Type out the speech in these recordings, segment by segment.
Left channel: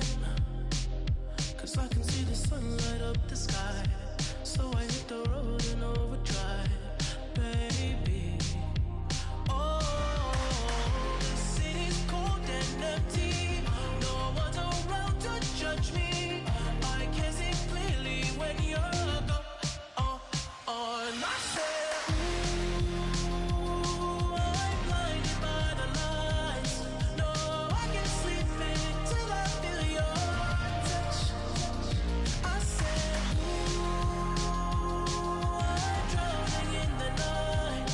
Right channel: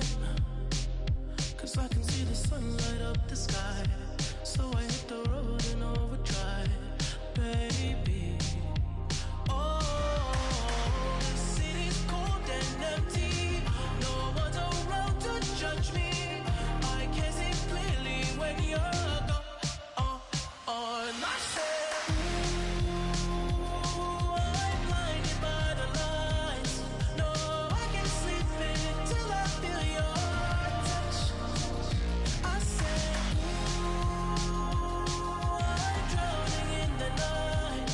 time, 'cause I can see the sun light up the sky. So I hit the road in overdrive, baby. Oh, the city's cold and empty. No one's around to judge me. I can see clearly when you're gone. I said, ooh, I'm blinded by the lights. No, I can't sleep until I feel your touch. I said, ooh, I'm drowning in the night.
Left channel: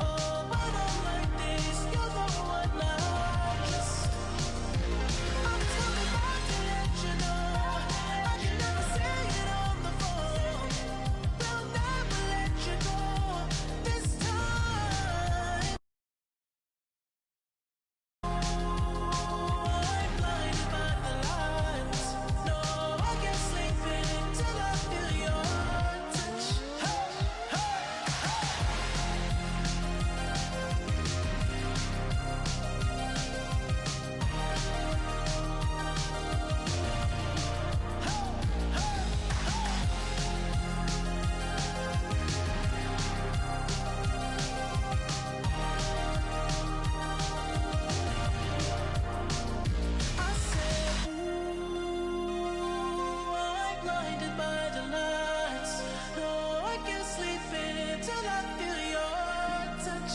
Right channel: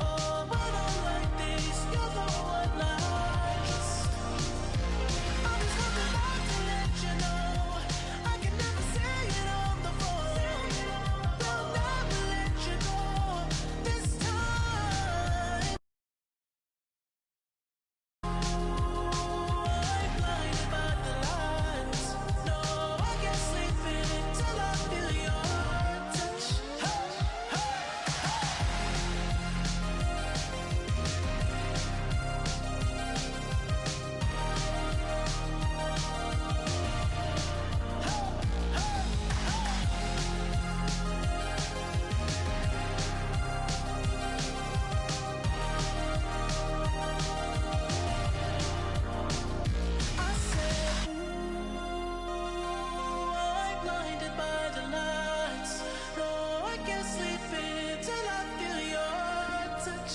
Oh, but I'm like this, you're the one I trust. I'm just coming back to let you know I can never say it on the phone. They'll never let you go this time. I'm blinded by the lights. No, I can't sleep until I feel your touch. Hey, hey, I said, ooh, I'm blinded by the lights. No, I can't sleep until I feel your touch.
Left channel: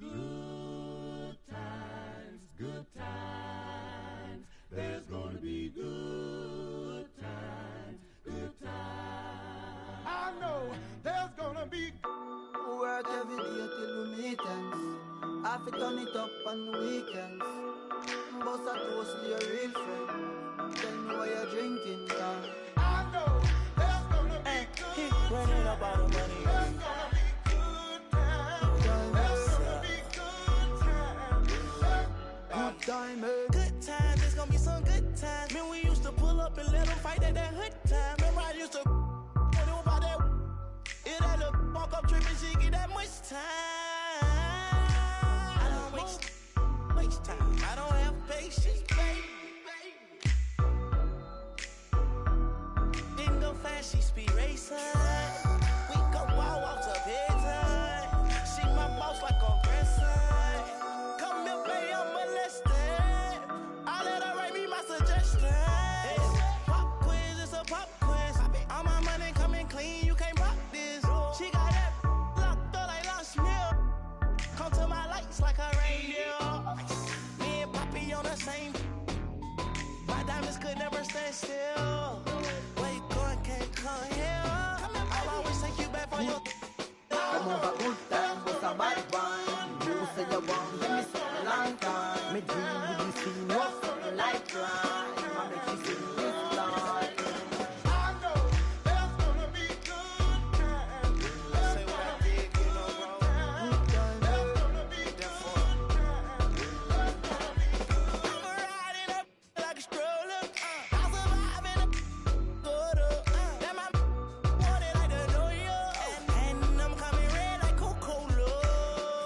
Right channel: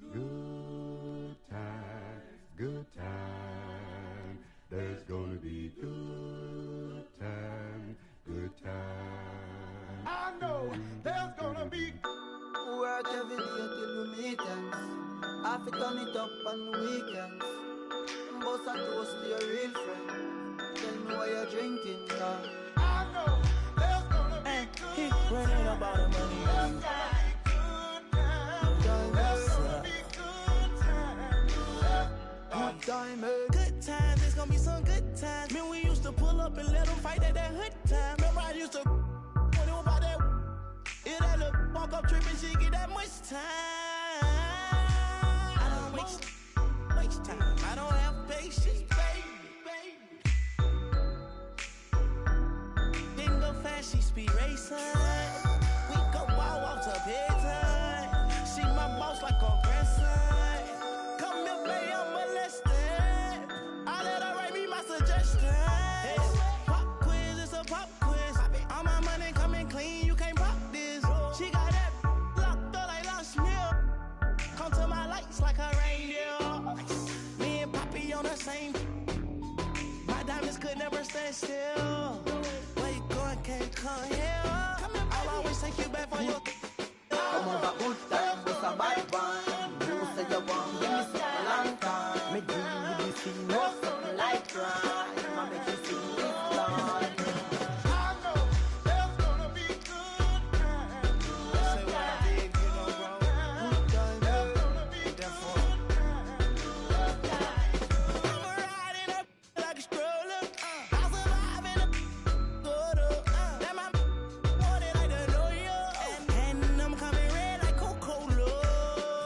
Good times, good times. There's gonna be good times, good times. I know there's gonna be. Work every day till we meet ends. Have to turn it up on weekends. Boss a toast to your real friend. Tell me why you're drinking now. I know there's gonna be He running up all the money. Good time, eh? Good times, there's gonna be some good times. Man, we used to pull up and let them fight at that hood time. Remember I used to when it was about that. It had a walk up trip and she get that much time. I don't waste time. I don't have patience, baby. Didn't go fast, she speed racing. We go wild walks up bedtime. She my boss like a grandson. Come here, baby, I'm molested. I let her write me my suggestions. Pop quiz, it's a pop quiz. All my money coming clean, you can't pop this. She got that locked up like lost meal. Come to my lights like a reindeer. Me and Poppy on the same. My diamonds could never stand still. Where you going, can't come here. I'll always take you back for your. Come over good time, what's a bad one? You say you want, give me something long time. Me deal with this thing, what's something like crime? I make you sing this line. I know there's gonna be good times. Say what I did, you know, bro. Good time, eh? Therefore, I'm riding up like a stroller. I'll survive in a quarter. That my wanted like the New York. And I'm coming red like Coca-Cola.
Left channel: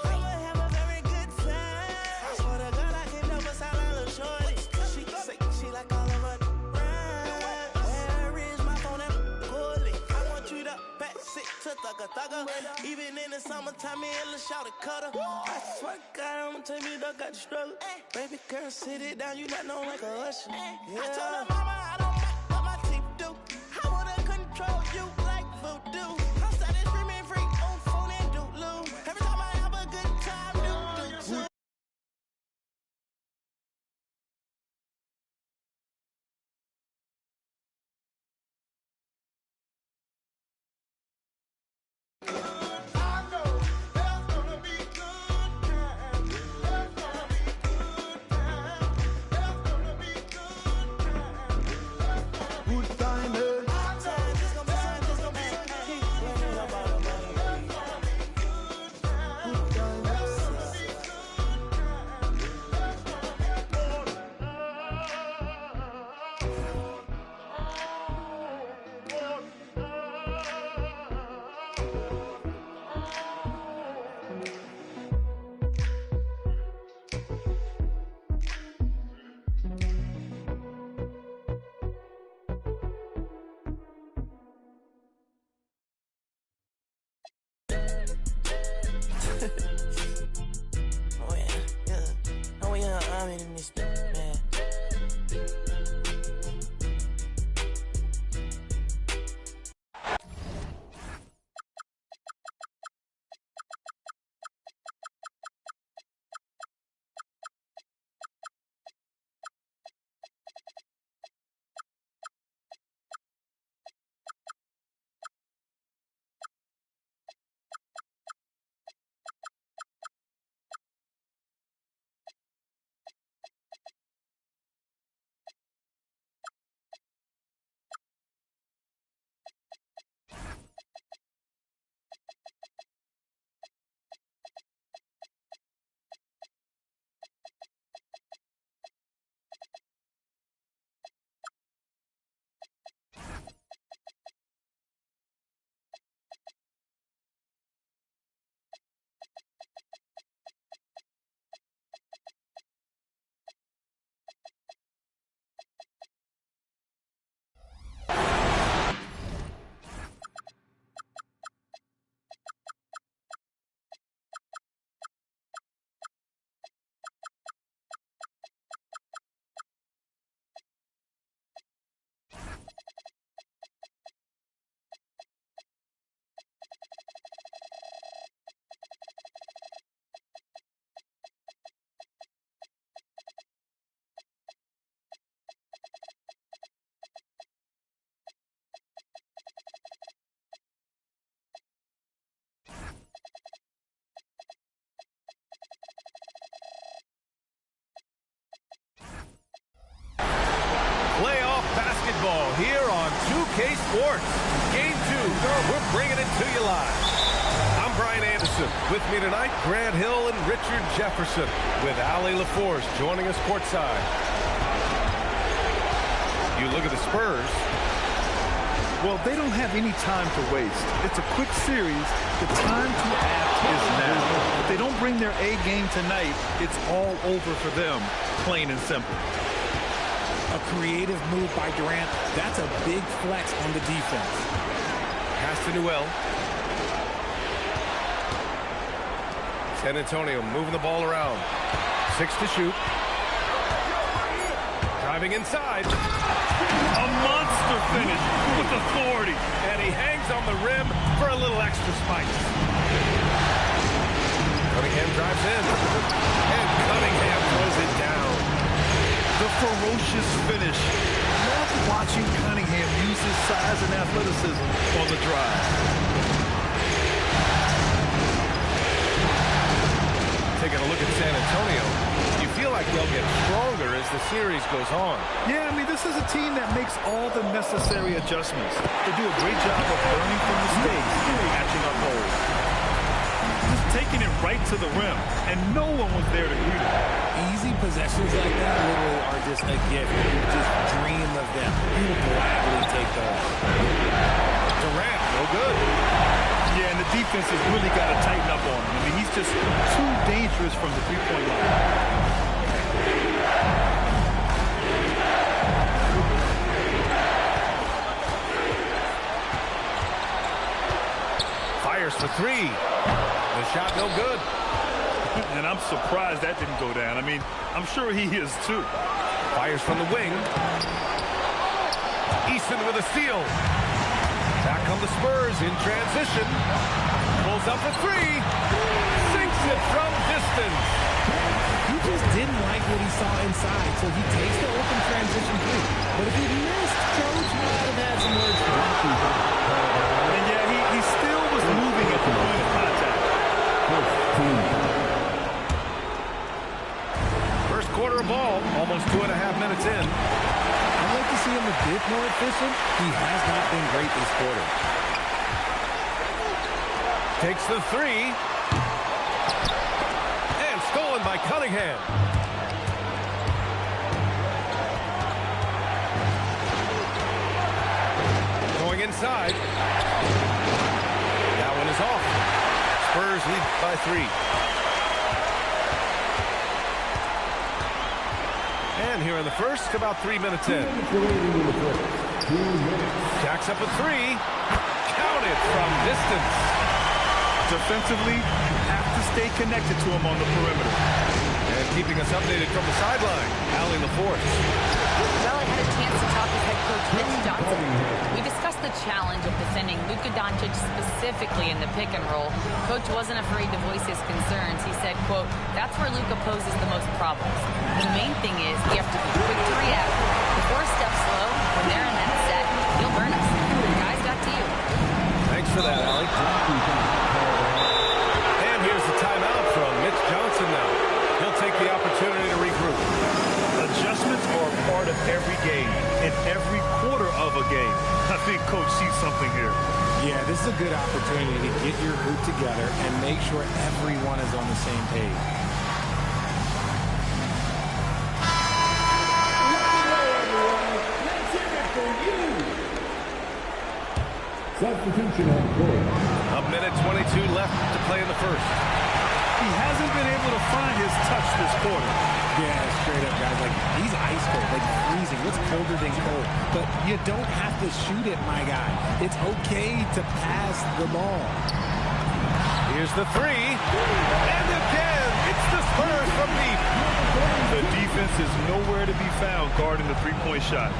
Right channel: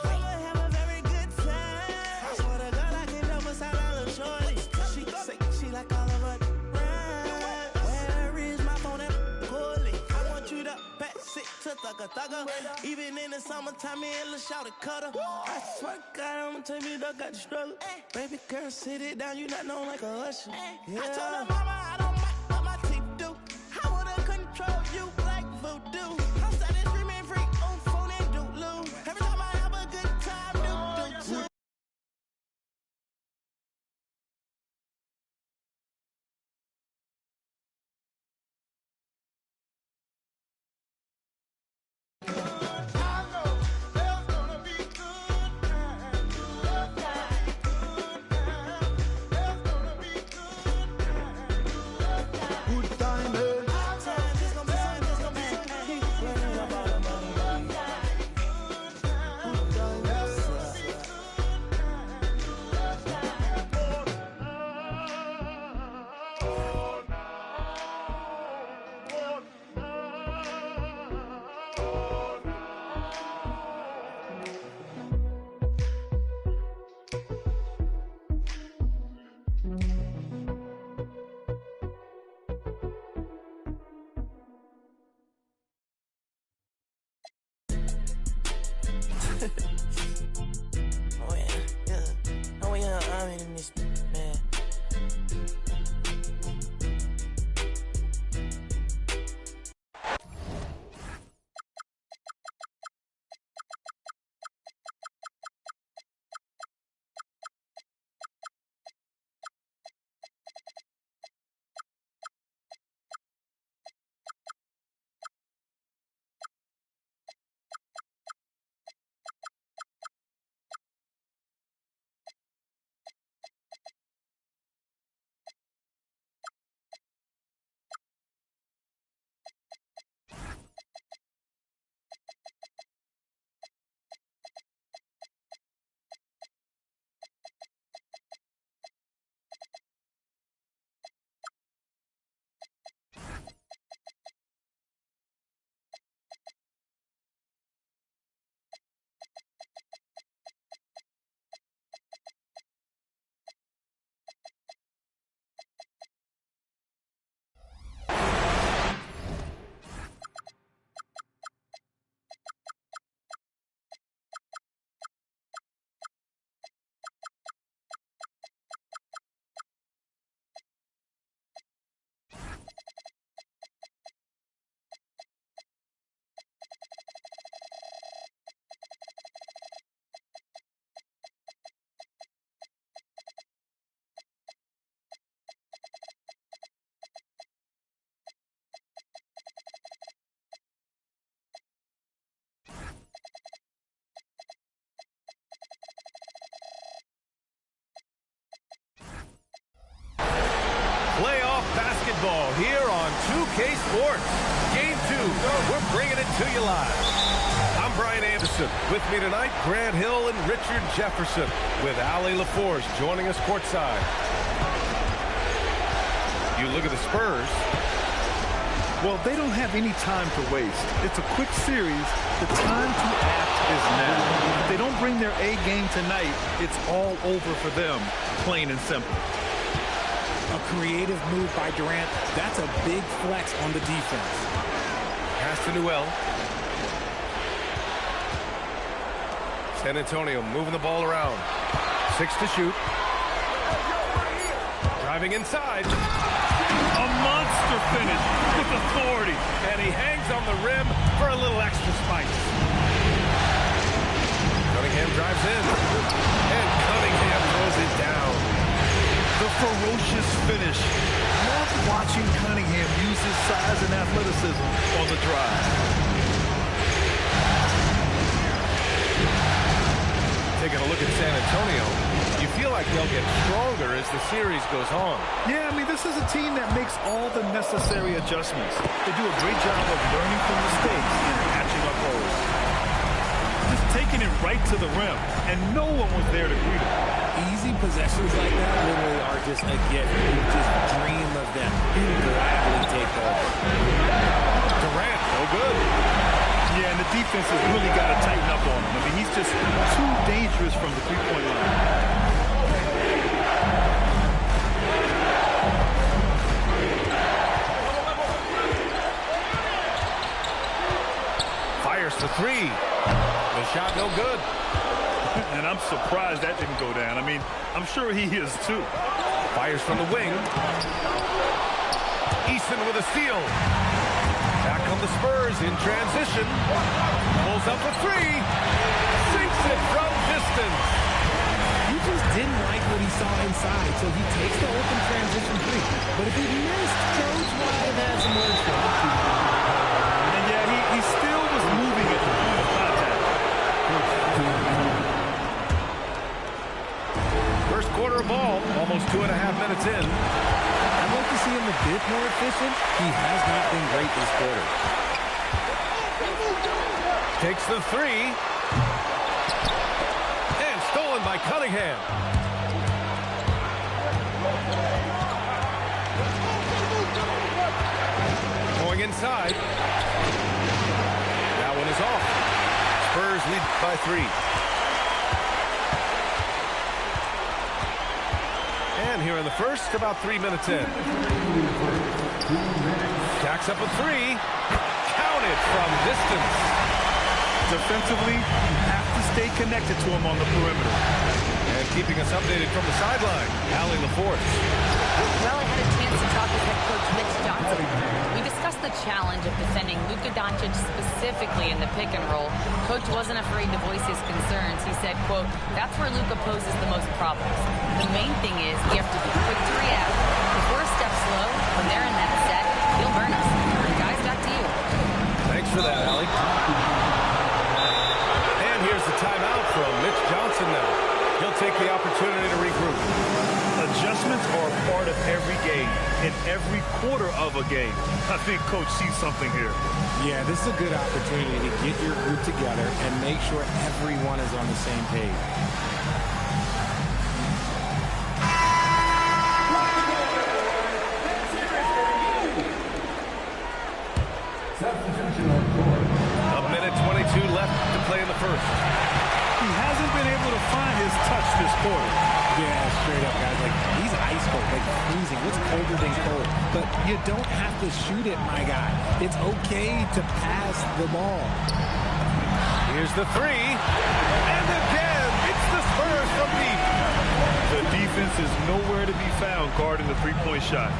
I'ma have a very good time. I swear to God, I can never sound like a shorty. She say she like all of her rhymes. Where is my phone at Cooley? I want you to pass it to thugger. Even in the summertime, me and Lil' Shawty cutter. I swear to God, I'ma tell me that got the struggle. Baby girl, sit it down, you not known like a usher. Yeah. I told her mama I don't like what my teeth do. I wanna control you like voodoo. I'm started streaming free on phone and doodloo. Every time I have a good time, do too. Good time, eh? Times, it's gonna be some, it's gonna be some. Keep running up all the money. Good time, eh? diamond in this man. Playoff basketball here on 2K Sports. Game 2, we're bringing it to you live. I'm Brian Anderson. With me tonight, Grant Hill and Richard Jefferson, with Allie LaForce joining us courtside. You look at the Spurs. Well, they don't have any time to waste. It's a quick series. The time to act is now. If they don't bring their A game tonight, it's all over for them, plain and simple. A creative move by Durant. That's a big flex on the defense. Pass to Newell. San Antonio moving the ball around. 6 to shoot. Driving inside. A monster finish with authority. And he hangs on the rim for a little extra spice. Cunningham drives in. And Cunningham throws it down. The ferocious finish. Love watching Cunningham use his size and athleticism on the drive. Taking a look at San Antonio, you feel like they'll get stronger as the series goes on. Yeah, I mean, this is a team that makes all the necessary adjustments. They do a great job of learning from mistakes and patching up holes. Just taking it right to the rim, and no one was there to greet him. Easy possessions like that literally are just a gift. You just dream of them. You gladly take those. Durant, no good. Yeah, and the defense has really got to tighten up on him. I mean, he's just too dangerous from the three-point line. Fires for 3. The shot no good. And I'm surprised that didn't go down. I mean, I'm sure he is too. Fires from the wing. Easton with a steal. Back come the Spurs in transition. Pulls up for 3. Sinks it from distance. He just didn't like what he saw inside, so he takes the open transition 3. But if he missed, Coach might have had some words for him. And yeah, he still was moving at the point of contact. First quarter of ball, almost 2.5 minutes in. I'd like to see him a bit more efficient. He has not been great this quarter. Takes the 3. And stolen by Cunningham. Going inside. That one is off. Spurs lead by 3. And here in the first, about 3 minutes in. Jacks up a 3. Counted from distance. Defensively, you have to stay connected to him on the perimeter. And keeping us updated from the sideline, Allie LaForce. Well, I had a chance to talk with head coach Mitch Johnson. We discussed the challenge of defending Luka Doncic specifically in the pick and roll. Coach wasn't afraid to voice his concerns. He said, quote, "That's where Luka poses the most problems. The main thing is you have to be quick to react. If we're a step slow, when they're in that set, he'll burn us. Guys, back to you." Thanks for that, Allie. And here's the timeout from Mitch Johnson now. He'll take the opportunity to regroup. Adjustments are a part of every game, in every quarter of a game. I think Coach sees something here. Yeah, this is a good opportunity to get your group together and make sure everyone is on the same page. Substitution on court. A minute 22 left to play in the first. He hasn't been able to find his touch this quarter. Yeah, straight up, guys. Like, he's ice cold, like freezing. What's colder than cold? But you don't have to shoot it, my guy. It's okay to pass the ball. Here's the three. And again, it's the Spurs from deep. The defense is nowhere to be found guarding the three-point shot.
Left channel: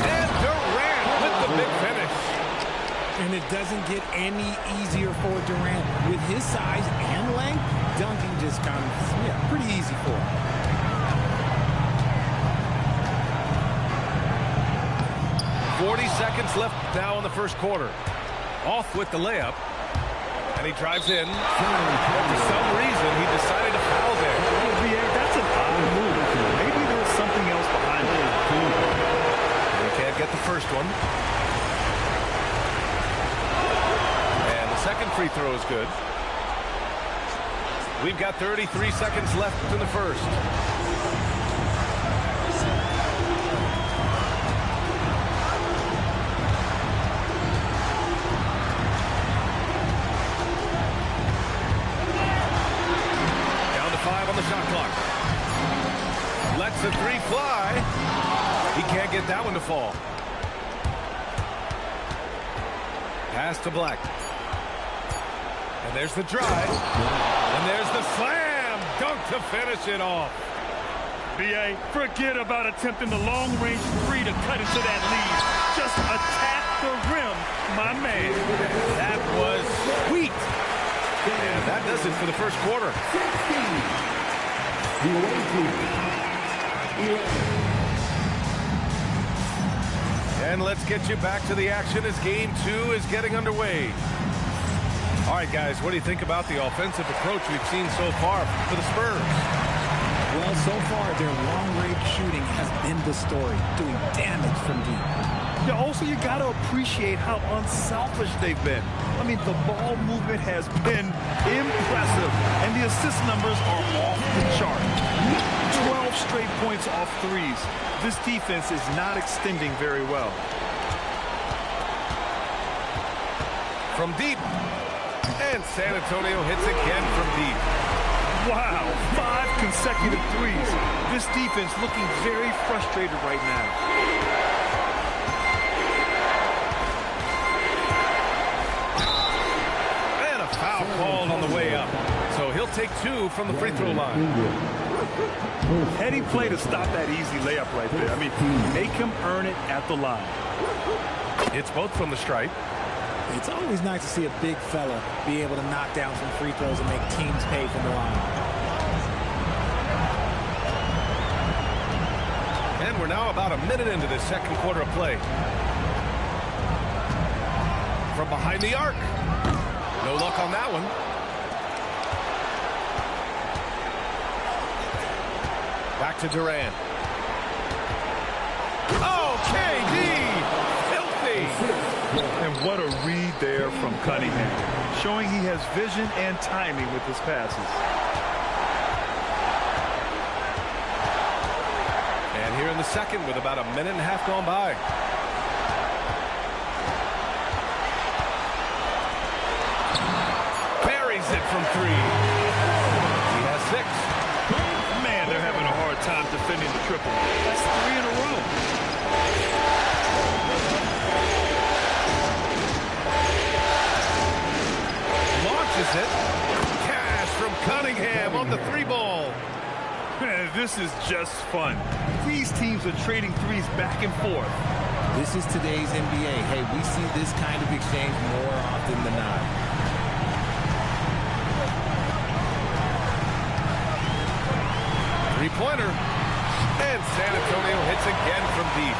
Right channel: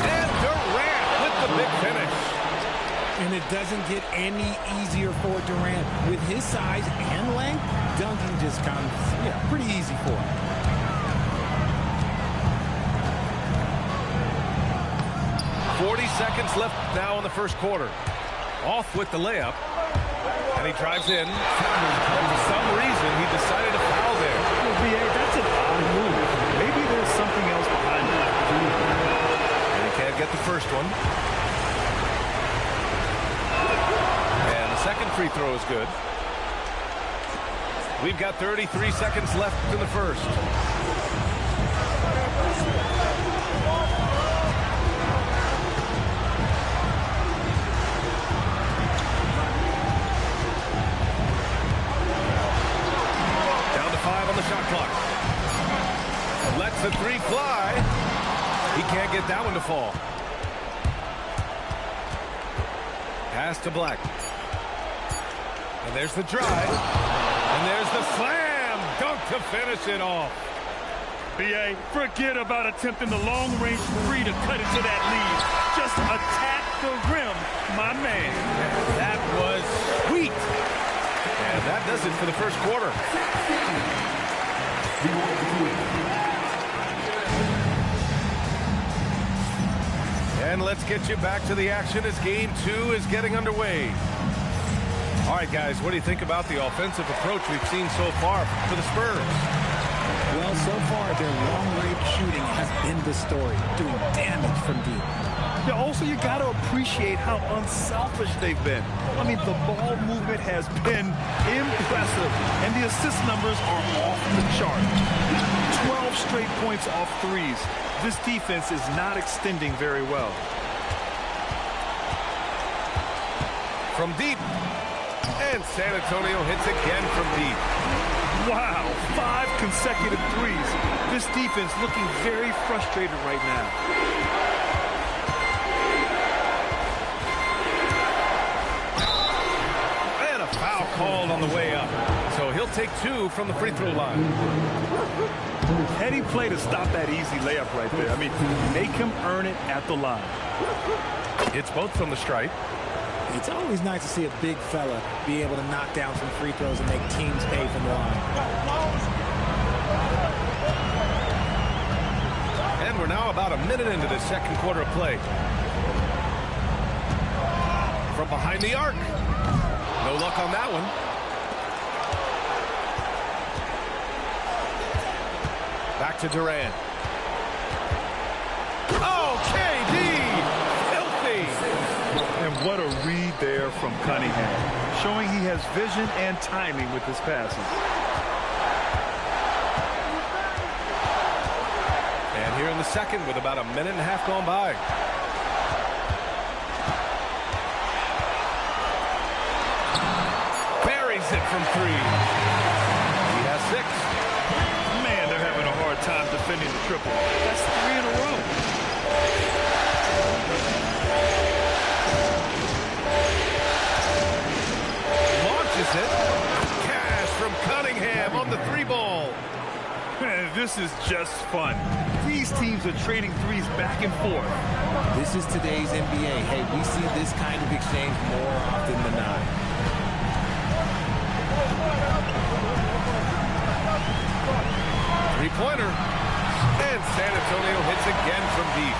And Durant with the big finish. And it doesn't get any easier for Durant. With his size and length, dunking just comes, pretty easy for him. .40 seconds left now in the first quarter. Off with the layup. And he drives in. But for some reason, he decided to foul there. That's an odd move. Maybe there's something else behind it. And he can't get the first one. And the second free throw is good. We've got 33 seconds left in the first. Down to 5 on the shot clock. Lets the three fly. He can't get that one to fall. Pass to Black. And there's the drive. And there's the slam dunk to finish it off. B.A., forget about attempting the long-range three to cut into that lead. Just attack the rim, my man. And that was sweet. And that does it for the first quarter. And let's get you back to the action as game 2 is getting underway. All right, guys, what do you think about the offensive approach we've seen so far for the Spurs? Well, so far, their long-range shooting has been the story, doing damage from deep. Yeah, also, you got to appreciate how unselfish they've been. I mean, the ball movement has been impressive, and the assist numbers are off the chart. 12 straight points off threes. This defense is not extending very well. From deep. And San Antonio hits again from deep. Wow, 5 consecutive threes. This defense looking very frustrated right now. And a foul called on the way up. So he'll take 2 from the free throw line. Heady play to stop that easy layup right there. I mean, make him earn it at the line. It's both from the stripe. It's always nice to see a big fella be able to knock down some free throws and make teams pay from the line. And we're now about a minute into the second quarter of play. From behind the arc. No luck on that one. Back to Durant. Oh, KD! Filthy! And what a read there from Cunningham, showing he has vision and timing with his passes. And here in the second with about a minute and a half gone by. Buries it from 3. He has 6. Man, they're having a hard time defending the triple. That's 3 in a row. Launches it. Cash from Cunningham. Cunningham on the 3-ball. Man, this is just fun. These teams are trading threes back and forth. This is today's NBA. Hey, we see this kind of exchange more often than not. Three-pointer. And San Antonio hits again from deep.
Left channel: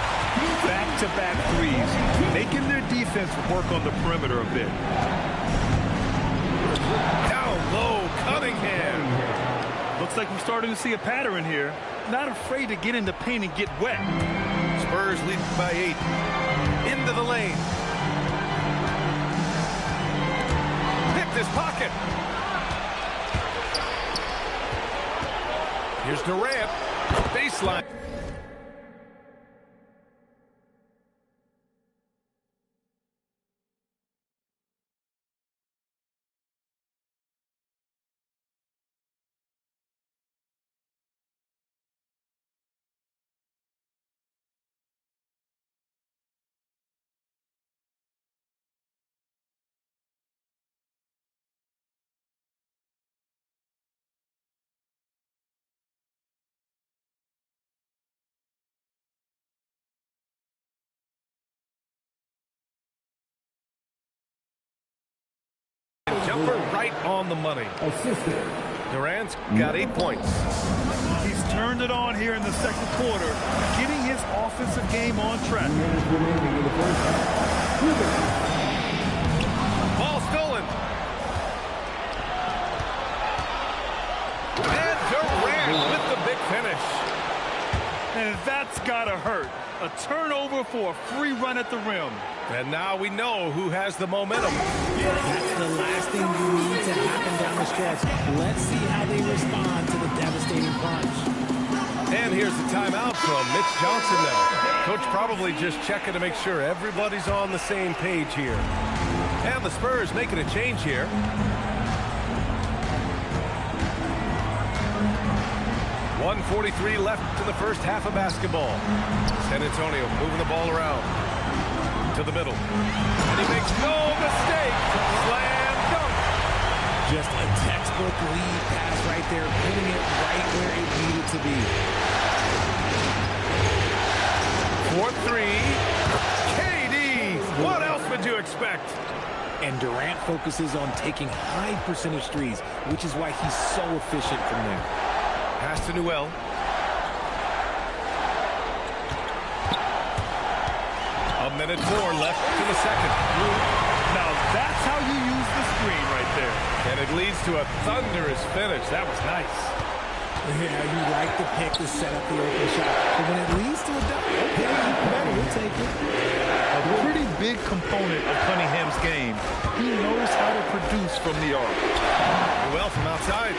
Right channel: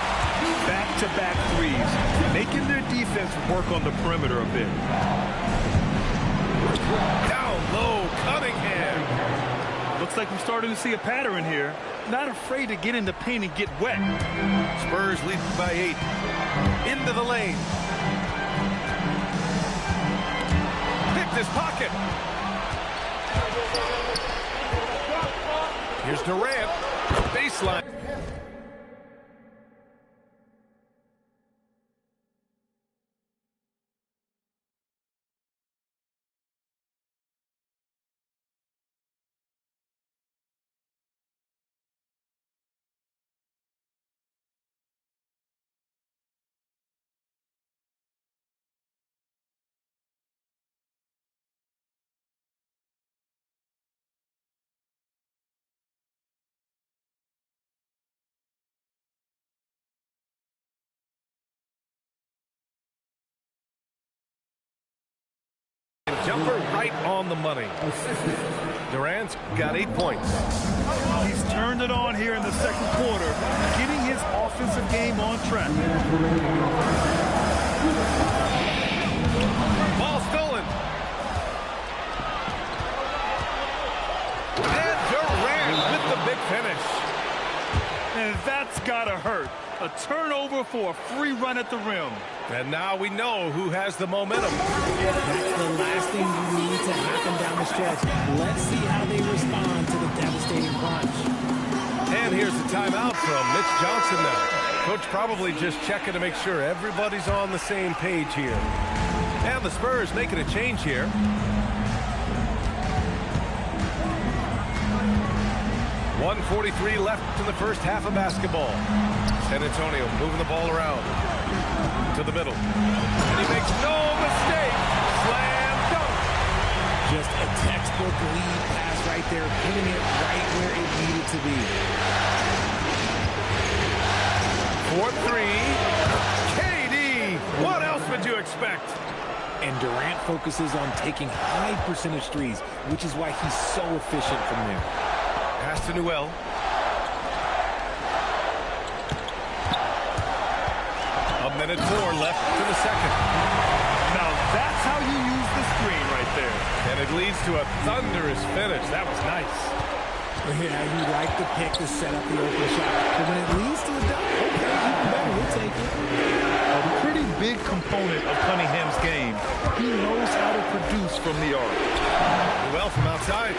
Back-to-back threes, making their defense work on the perimeter a bit. Down low, Cunningham. Looks like we're starting to see a pattern here. Not afraid to get in the paint and get wet. Spurs lead by 8. Into the lane. Picked his pocket. Here's Durant. Baseline. Jumper right on the money. Durant's got 8 points. He's turned it on here in the second quarter, getting his offensive game on track. Ball stolen. And Durant with the big finish. And that's gotta hurt. A turnover for a free run at the rim. And now we know who has the momentum. That's the last thing you need to happen down the stretch. Let's see how they respond to the devastating punch. And here's the timeout from Mitch Johnson now. Coach probably just checking to make sure everybody's on the same page here. And the Spurs making a change here. .143 left in the first half of basketball. San Antonio moving the ball around to the middle. And he makes no mistake. Slam dunk. Just a textbook lead pass right there, putting it right where it needed to be. 4-3. KD. What else would you expect? And Durant focuses on taking high percentage threes, which is why he's so efficient from there. Pass to Newell. A minute 4 left to the second. Now that's how you use the screen right there. And it leads to a thunderous finish. That was nice. Yeah, you like the pick to set up the open shot. But when it leads to a dunk, okay, even better, we'll take it. A pretty big component of Cunningham's game. He knows how to produce from the arc. Well from outside.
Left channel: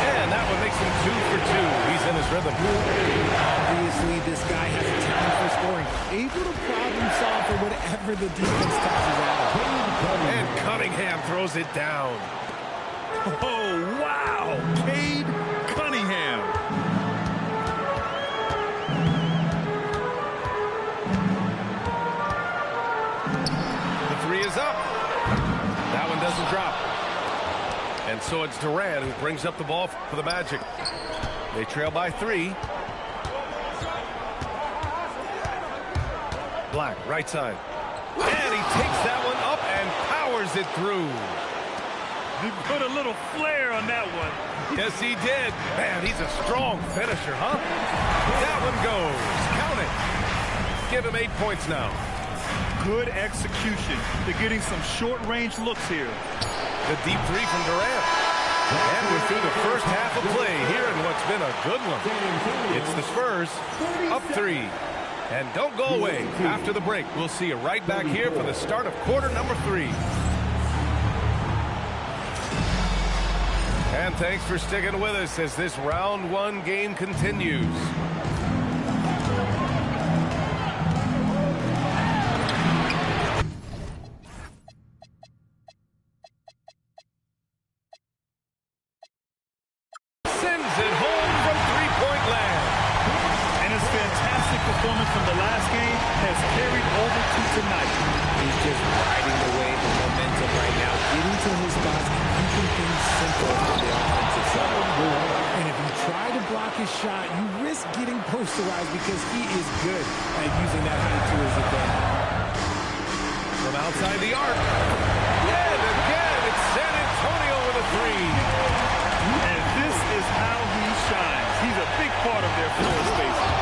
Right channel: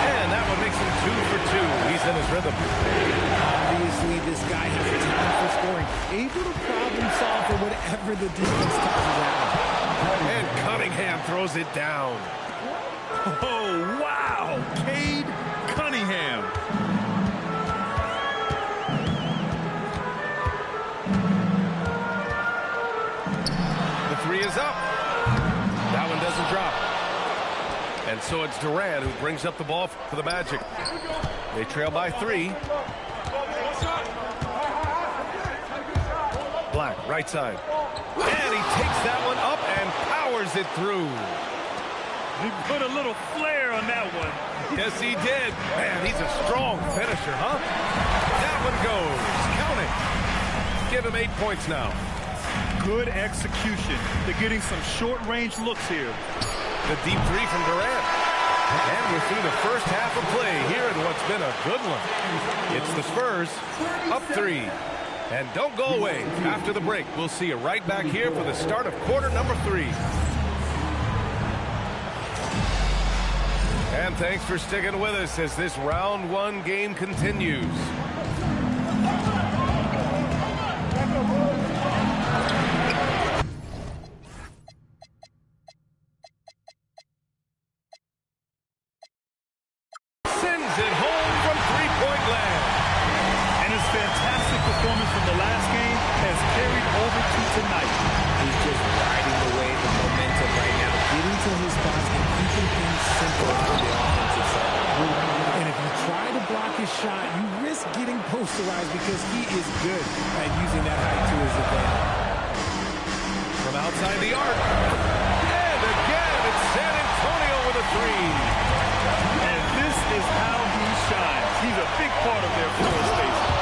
And that one makes him 2 for 2. He's in his rhythm. Obviously, this guy has a talent for scoring. Able to problem solve for whatever the defense tosses at him. And Cunningham throws it down. Oh, wow. Cade Cunningham. The 3 is up. That one doesn't drop. And so it's Durant who brings up the ball for the Magic. They trail by 3. Black, right side. And he takes that one up and powers it through. He put a little flair on that one. Yes, he did. Man, he's a strong finisher, huh? That one goes. Count it. Give him 8 points now. Good execution. They're getting some short-range looks here. The deep 3 from Durant. And we're through the first half of play here in what's been a good one. It's the Spurs up 3. And don't go away. After the break, we'll see you right back here for the start of quarter number 3. And thanks for sticking with us as this round 1 game continues. Sends it home from three-point land. And his fantastic performance from the last game has carried over to tonight. He's just riding the wave of momentum right now, getting to his spots and keeping things simple on the offensive settle. And if you try to block his shot, you risk getting posterized because he is good at using that height to his advantage. From outside the arc. And again, it's San Antonio with a three. And this is how he shines. He's a big part of their floor spacing.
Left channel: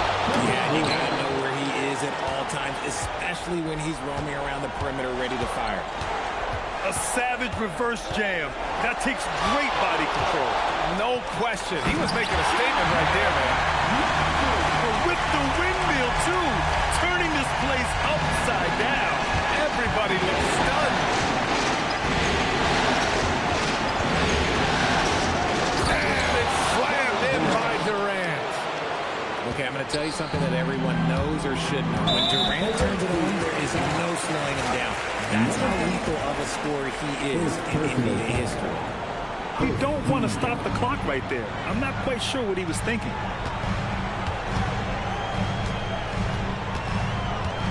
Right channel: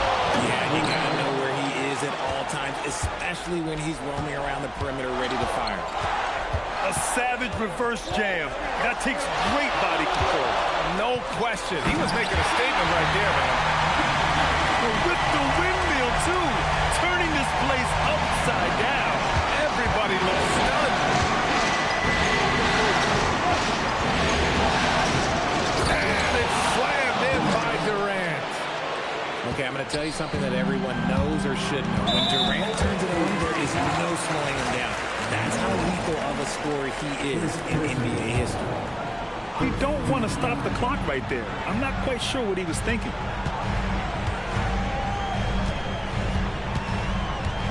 Yeah, and you got to know where he is at all times, especially when he's roaming around the perimeter ready to fire. A savage reverse jam. That takes great body control. No question. He was making a statement right there, man. With the windmill, too. Turning this place upside down. Everybody looks stunned. And it's slammed in by Durant. Okay, I'm going to tell you something that everyone knows or should know. When Durant turns it on, there is no slowing him down. That's how lethal of a scorer he is in NBA history. You don't want to stop the clock right there. I'm not quite sure what he was thinking.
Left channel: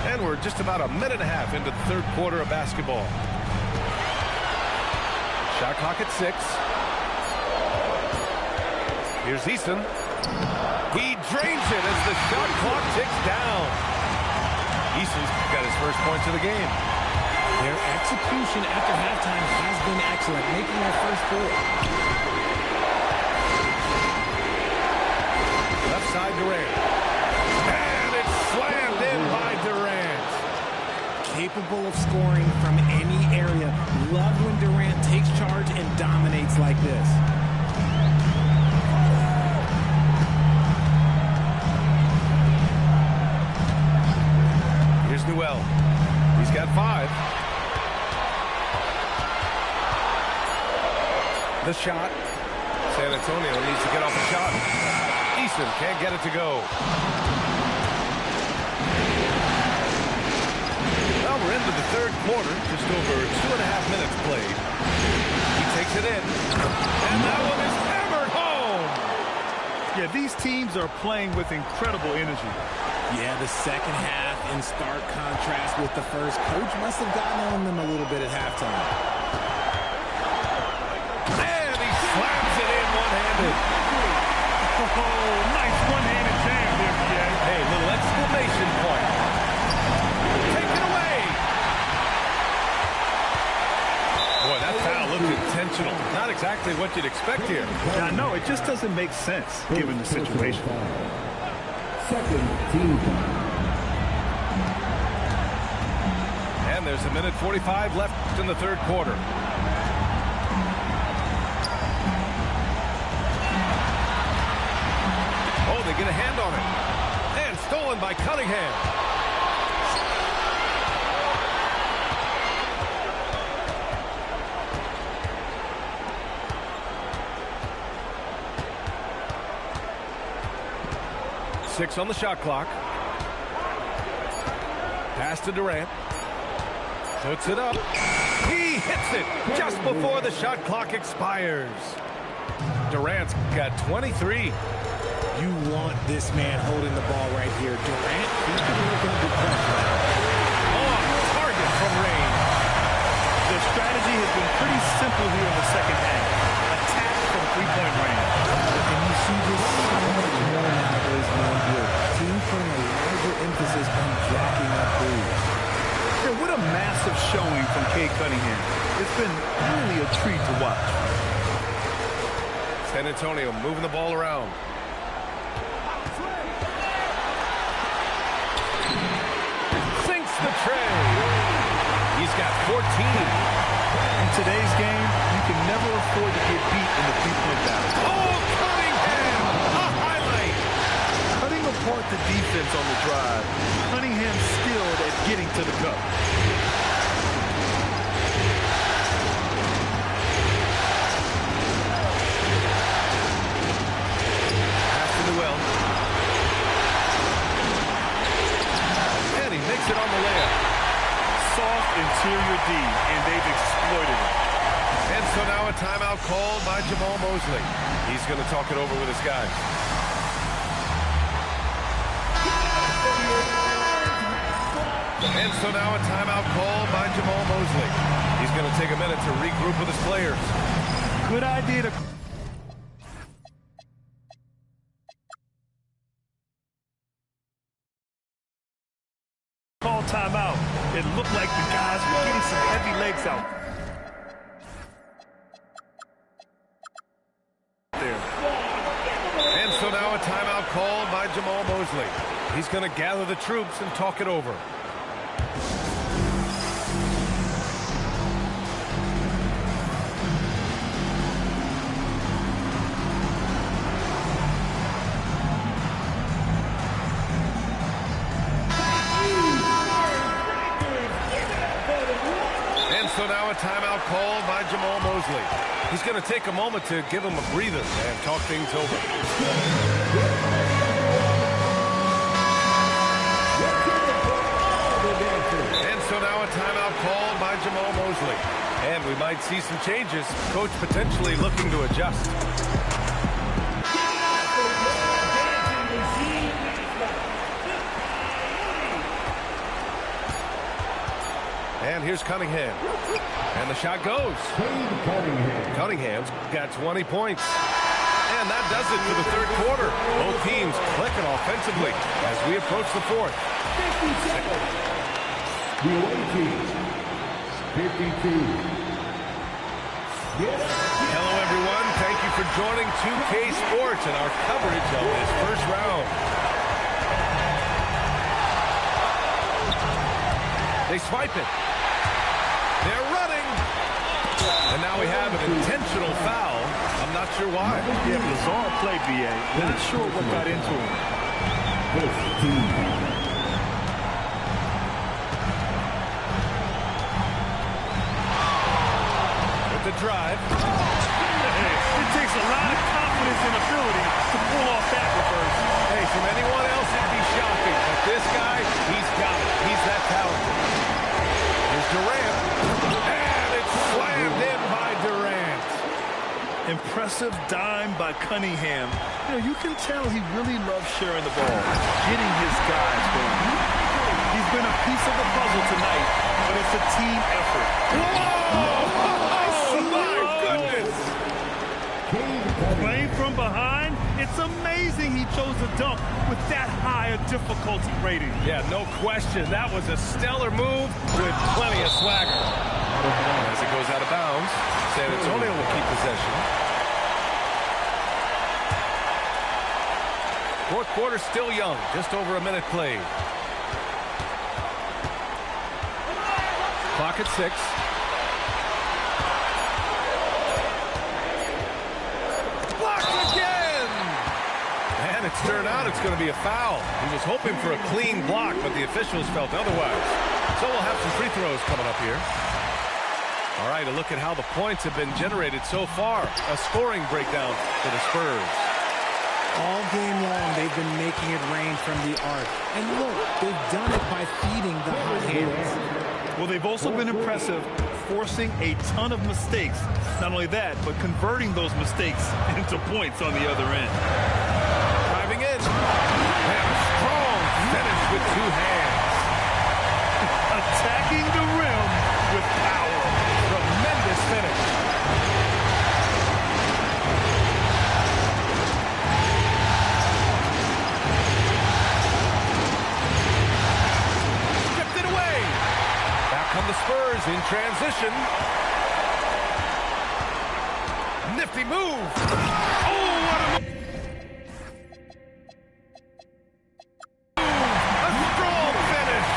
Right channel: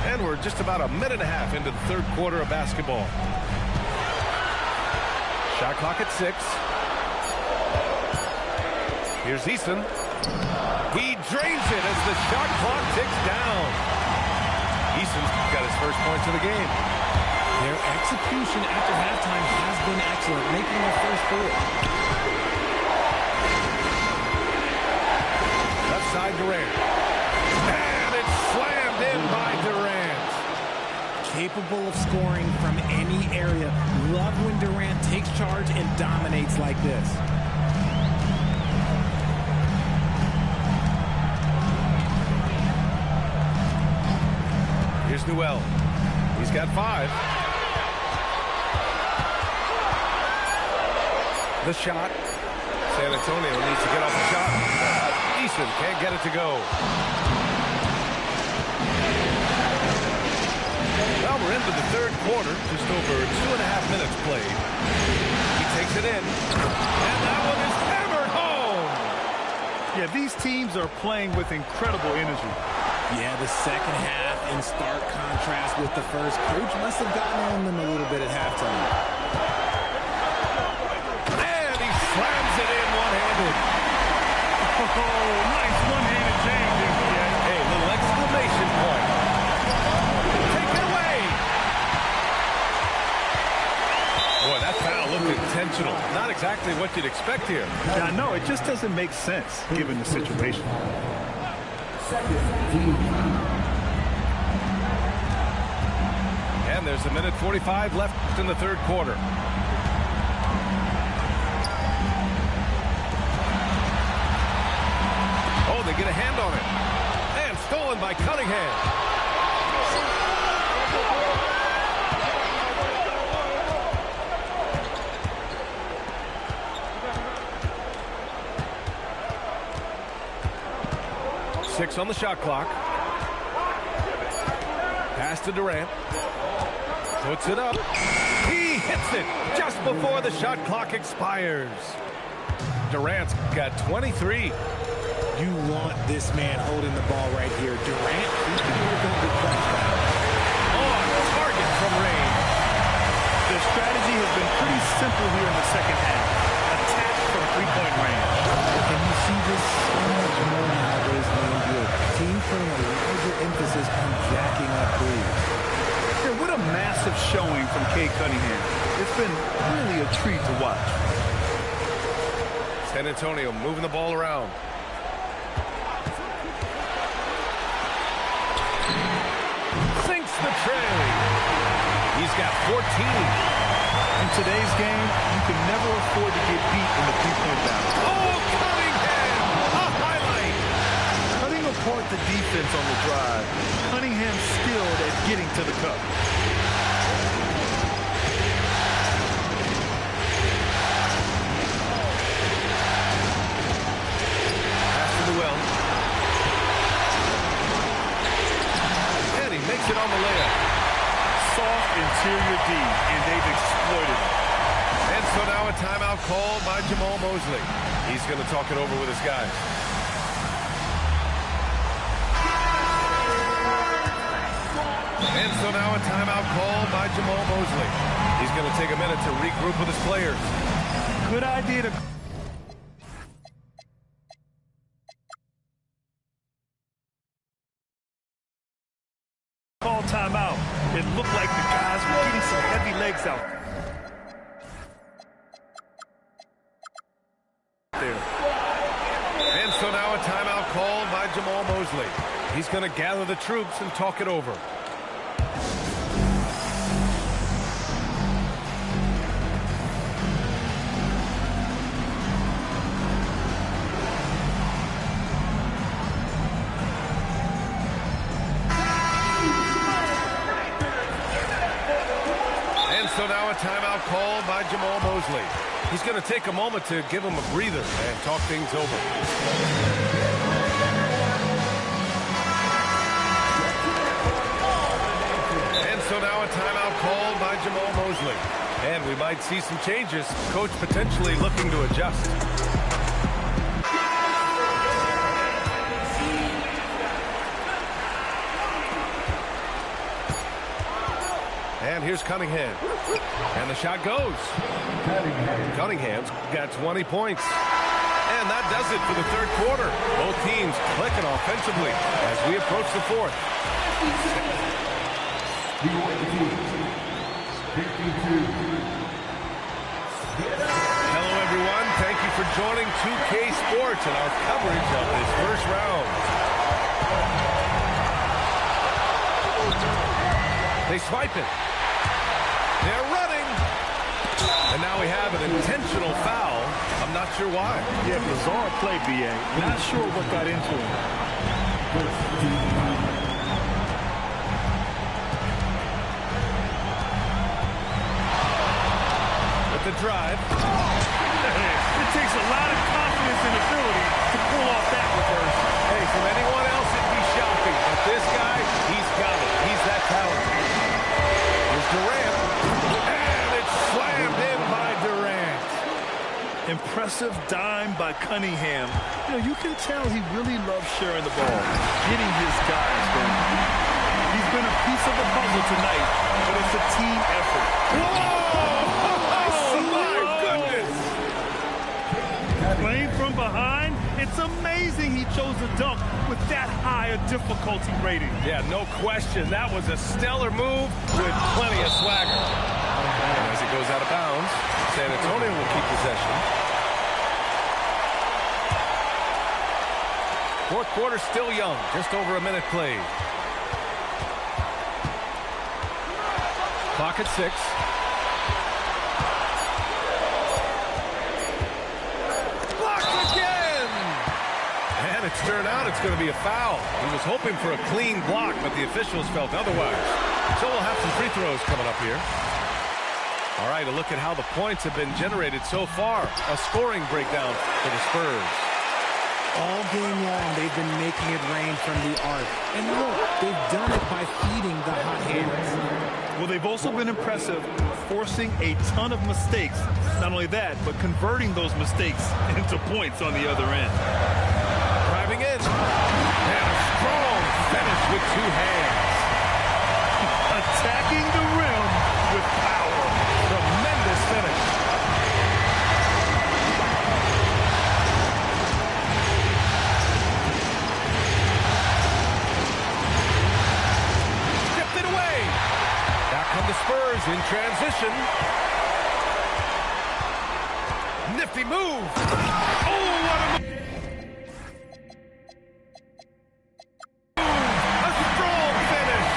And we're just about a minute and a half into the third quarter of basketball. Shot clock at 6. Here's Eason. He drains it as the shot clock ticks down. Eason's got his first points of the game. Their execution after halftime has been excellent, making their first 4. Left side Durant. And it's slammed in by Durant. Capable of scoring from any area. Love when Durant takes charge and dominates like this. Here's Newell. He's got 5. The shot. San Antonio needs to get off the shot. Eason can't get it to go. Well, we're into the third quarter. Just over 2.5 minutes played. He takes it in. And that one is hammered home. Yeah, these teams are playing with incredible energy. Yeah, the second half in stark contrast with the first. Coach must have gotten on them a little bit at halftime. And he slams it in one-handed. Oh, nice one-handed jam there, B.A. Hey, little exclamation point. Take it away. Boy, that foul looked intentional. Not exactly what you'd expect here. Yeah, no, it just doesn't make sense given the situation. And there's a minute 45 left in the third quarter. Oh, they get a hand on it. And stolen by Cunningham. Six on the shot clock. Pass to Durant. Puts it up. He hits it just before the shot clock expires. Durant's got 23. You want this man holding the ball right here. Durant, he can work under pressure now. On target from range. Their strategy has been pretty simple here in the second half. Attack from three-point range. And you see this so much more nowadays in the NBA. Team putting a larger emphasis on jacking up threes. Yeah, what a massive showing from Cade Cunningham. It's been really a treat to watch. San Antonio moving the ball around. Sinks the tray. He's got 14. In today's game, you can never afford to get beat in the three-point battle. Oh, Cunningham! A highlight! Cutting apart the defense on the drive. Cunningham's skilled at getting to the cup. Pass to Newell. And he makes it on the layup. Soft interior D, and they've exploited it. And so now a timeout called by Jamal Mosley. He's going to talk it over with his guys. And so now a timeout called by Jamal Mosley. He's going to take a minute to regroup with his players. Good idea to... timeout, it looked like the guys were getting some heavy legs out there. And so now a timeout called by Jamal Mosley. He's going to gather the troops and talk it over. And so now a timeout called by Jamal Mosley. He's going to take a moment to give him a breather and talk things over. And so now a timeout called by Jamal Mosley. And we might see some changes. Coach potentially looking to adjust. And here's Cunningham. And the shot goes. Cunningham's got 20 points. And that does it for the third quarter. Both teams clicking offensively as we approach the fourth. The away team, 52. Hello, everyone. Thank you for joining 2K Sports and our coverage of this first round. They swipe it. They're running. And now we have an intentional foul. I'm not sure why. Yeah, bizarre play, B.A. Not sure what got into him. With the drive. Hey, it takes a lot of confidence and ability to pull off that reverse. Hey, from anyone else, it'd be shocking. But this guy, he's got it. He's that talented. Here's Durant. And it's slammed in by Durant. Impressive dime by Cunningham. You know, you can tell he really loves sharing the ball, getting his guys going. He's been a piece of the puzzle tonight, but it's a team effort. Whoa! Oh, my goodness! Playing from behind, it's amazing he chose a dunk with that high a difficulty rating. Yeah, no question. That was a stellar move with plenty of swagger. And as it goes out of bounds, San Antonio will keep possession. Fourth quarter still young, just over a minute played. Clock at 6. Blocked again! And it's turned out it's going to be a foul. He was hoping for a clean block, but the officials felt otherwise. So we'll have some free throws coming up here. All right, a look at how the points have been generated so far. A scoring breakdown for the Spurs. All game long, they've been making it rain from the arc. And look, they've done it by feeding the hot hands. Well, they've also been impressive, forcing a ton of mistakes. Not only that, but converting those mistakes into points on the other end. Driving in. And a strong finish with two hands. Attacking the rim with power. Tremendous finish. Stripped it away. Back come the Spurs in transition. Nifty move. Oh, what a move. A strong finish.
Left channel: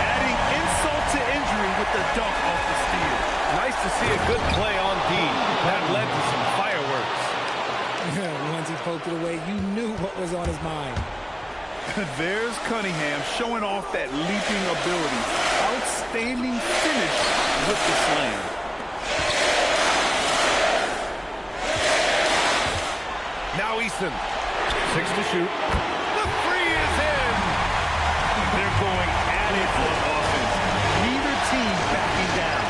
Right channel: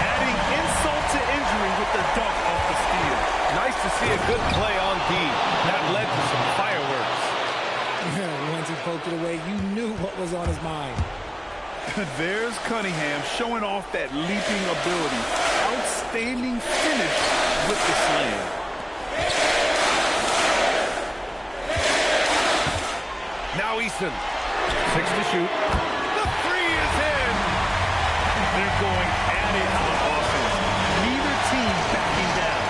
Adding insult to injury with the dunk off the steal. Nice to see a good play on D. That led to some fireworks. Once he poked it away, you knew what was on his mind. There's Cunningham showing off that leaping ability. Outstanding finish with the slam. Now Easton. 6 to shoot. The three is in. They're going at it on offense. Neither team backing down.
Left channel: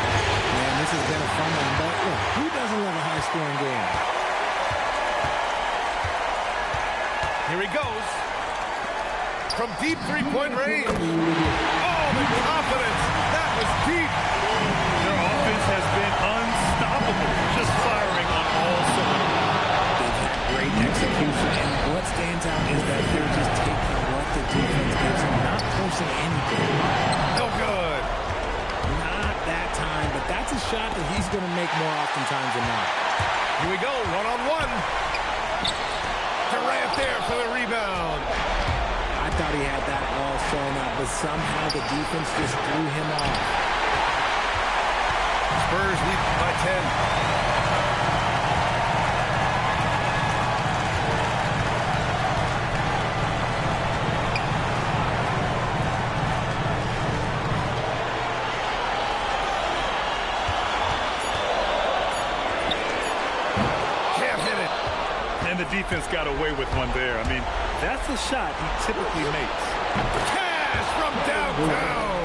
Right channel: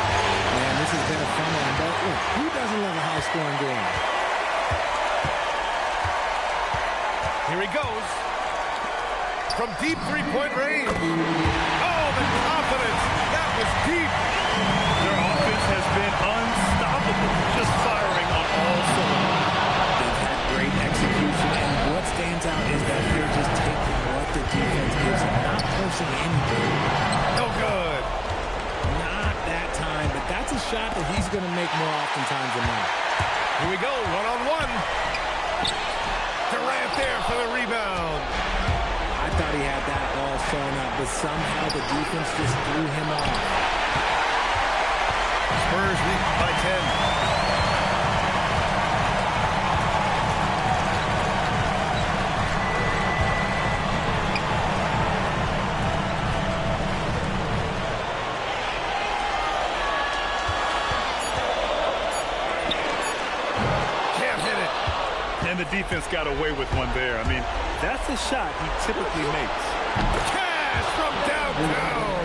Man, this has been a fun one, but look, who doesn't love a high-scoring game? Here he goes. From deep three-point range. Oh, the confidence. That was deep. Their offense has been unstoppable, just firing on all cylinders. They've had great execution, and what stands out is that they're just taking what the defense gives them, not forcing anything. No good. Not that time, but that's a shot that he's going to make more oftentimes than not. Here we go, one-on-one. Durant there for the rebound. I thought he had that all sewn up, but somehow the defense just threw him off. Spurs lead by 10. And the defense got away with one there. I mean, that's a shot he typically makes. Cash from downtown.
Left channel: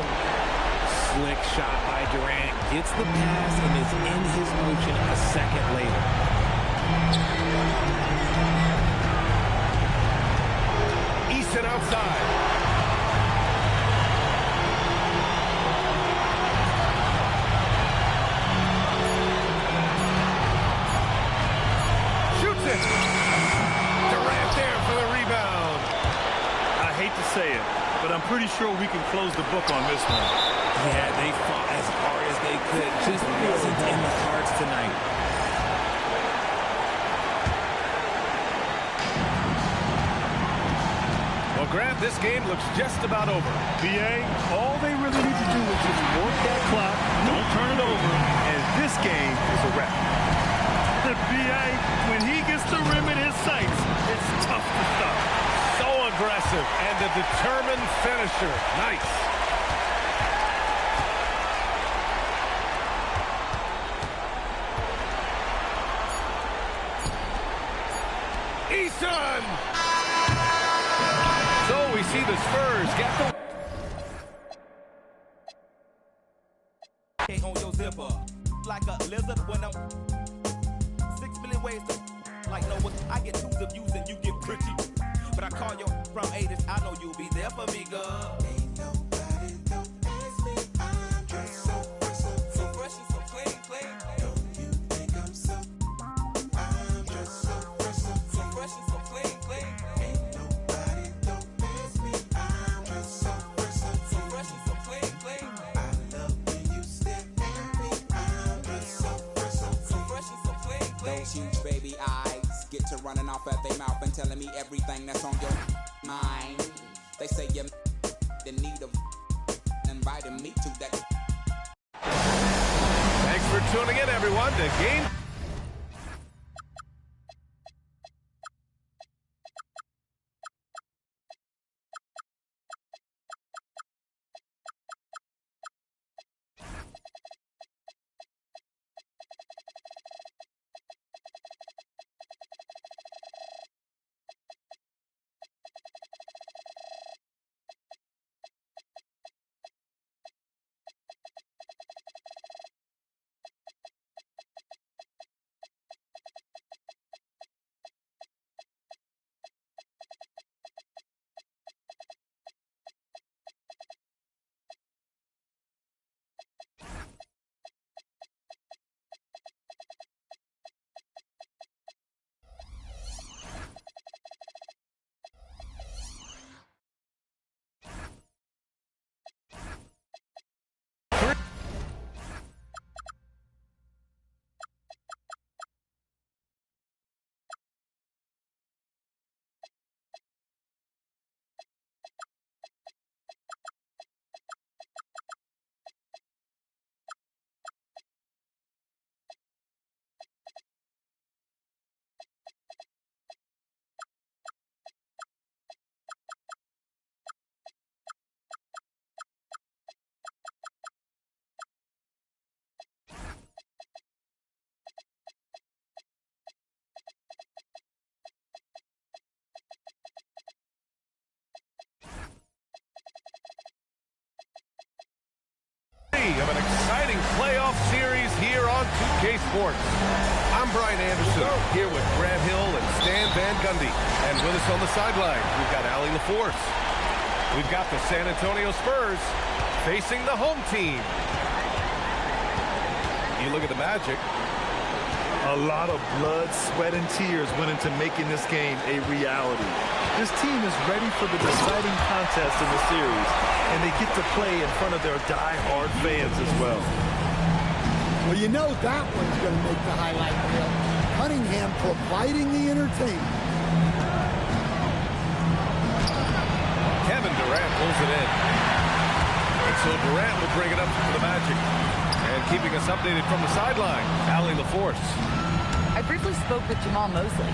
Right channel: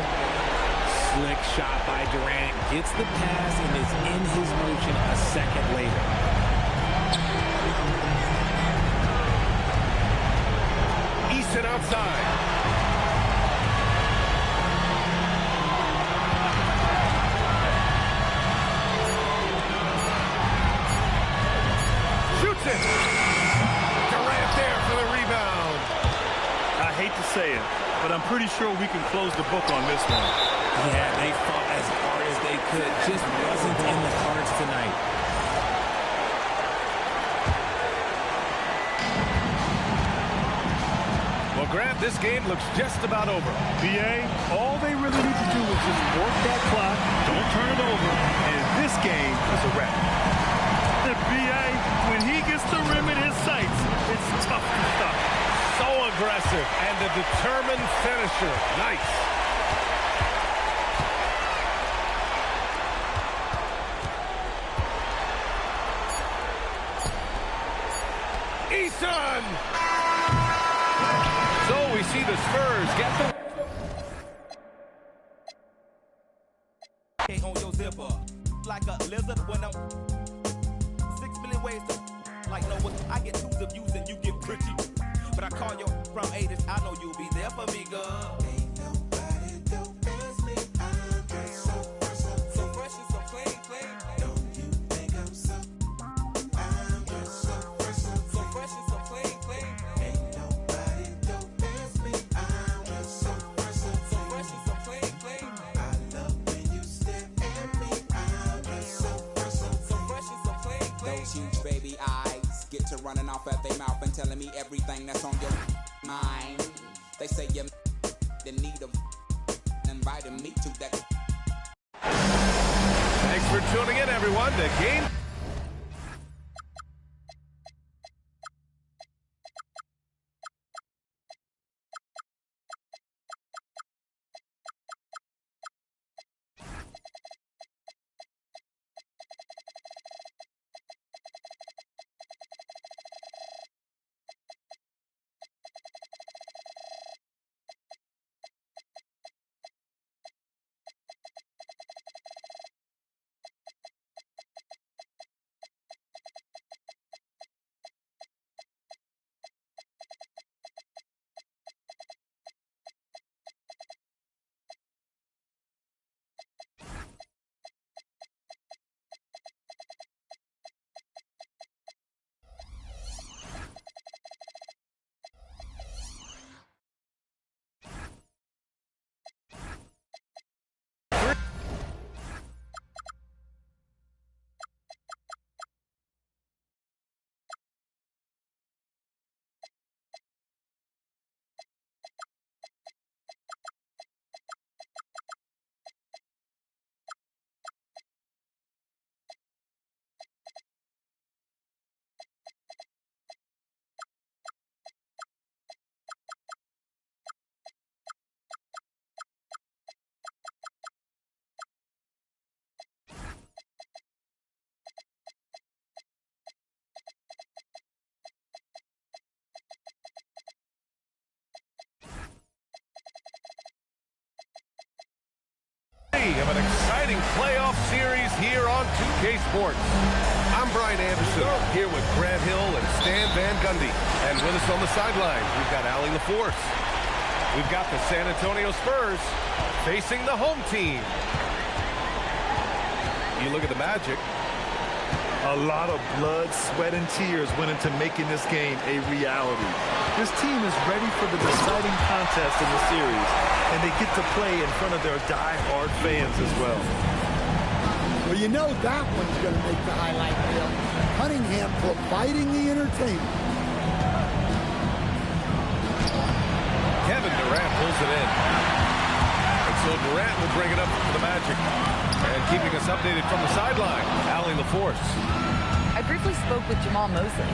Slick shot by Durant. Gets the pass and is in his motion a second later. Easton outside. Shoots it. Durant there for the rebound. I hate to say it, but I'm pretty sure we can close the book on this one. Yeah, they fought as hard as they could. Just wasn't in the cards tonight. Well, Grant, this game looks just about over. BA, all they really need to do is just work that clock, don't turn it over, and this game is a wrap. The BA, when he gets the rim in his sights, it's tough to stop. So aggressive and a determined finisher. Nice. Eason! So we see the Spurs get the... On your zipper, like a lizard when I'm 6 million ways to like no what I get twos of views and you get pretty. But I call you from 80s, I know you'll be there for me, girl. So fresh and so clean, clean. So fresh and so clean, clean. So fresh and so clean, clean. Those huge baby eyes get to running off at their mouth and telling me everything that's on your mind. They say you're in need of inviting me to that. Thanks for tuning in, everyone, to Game... of an exciting playoff series here on 2K Sports. I'm Brian Anderson, here with Grant Hill and Stan Van Gundy. And with us on the sidelines, we've got Allie LaForce. We've got the San Antonio Spurs facing the home team. You look at the Magic. A lot of blood, sweat, and tears went into making this game a reality. This team is ready for the deciding contest in the series, and they get to play in front of their die-hard fans as well. Well, you know that one's going to make the highlight reel. Cunningham providing the entertainment. Kevin Durant pulls it in. And so Durant will bring it up for the Magic. And keeping us updated from the sideline, Allie LaForce. I briefly spoke with Jamal Mosley.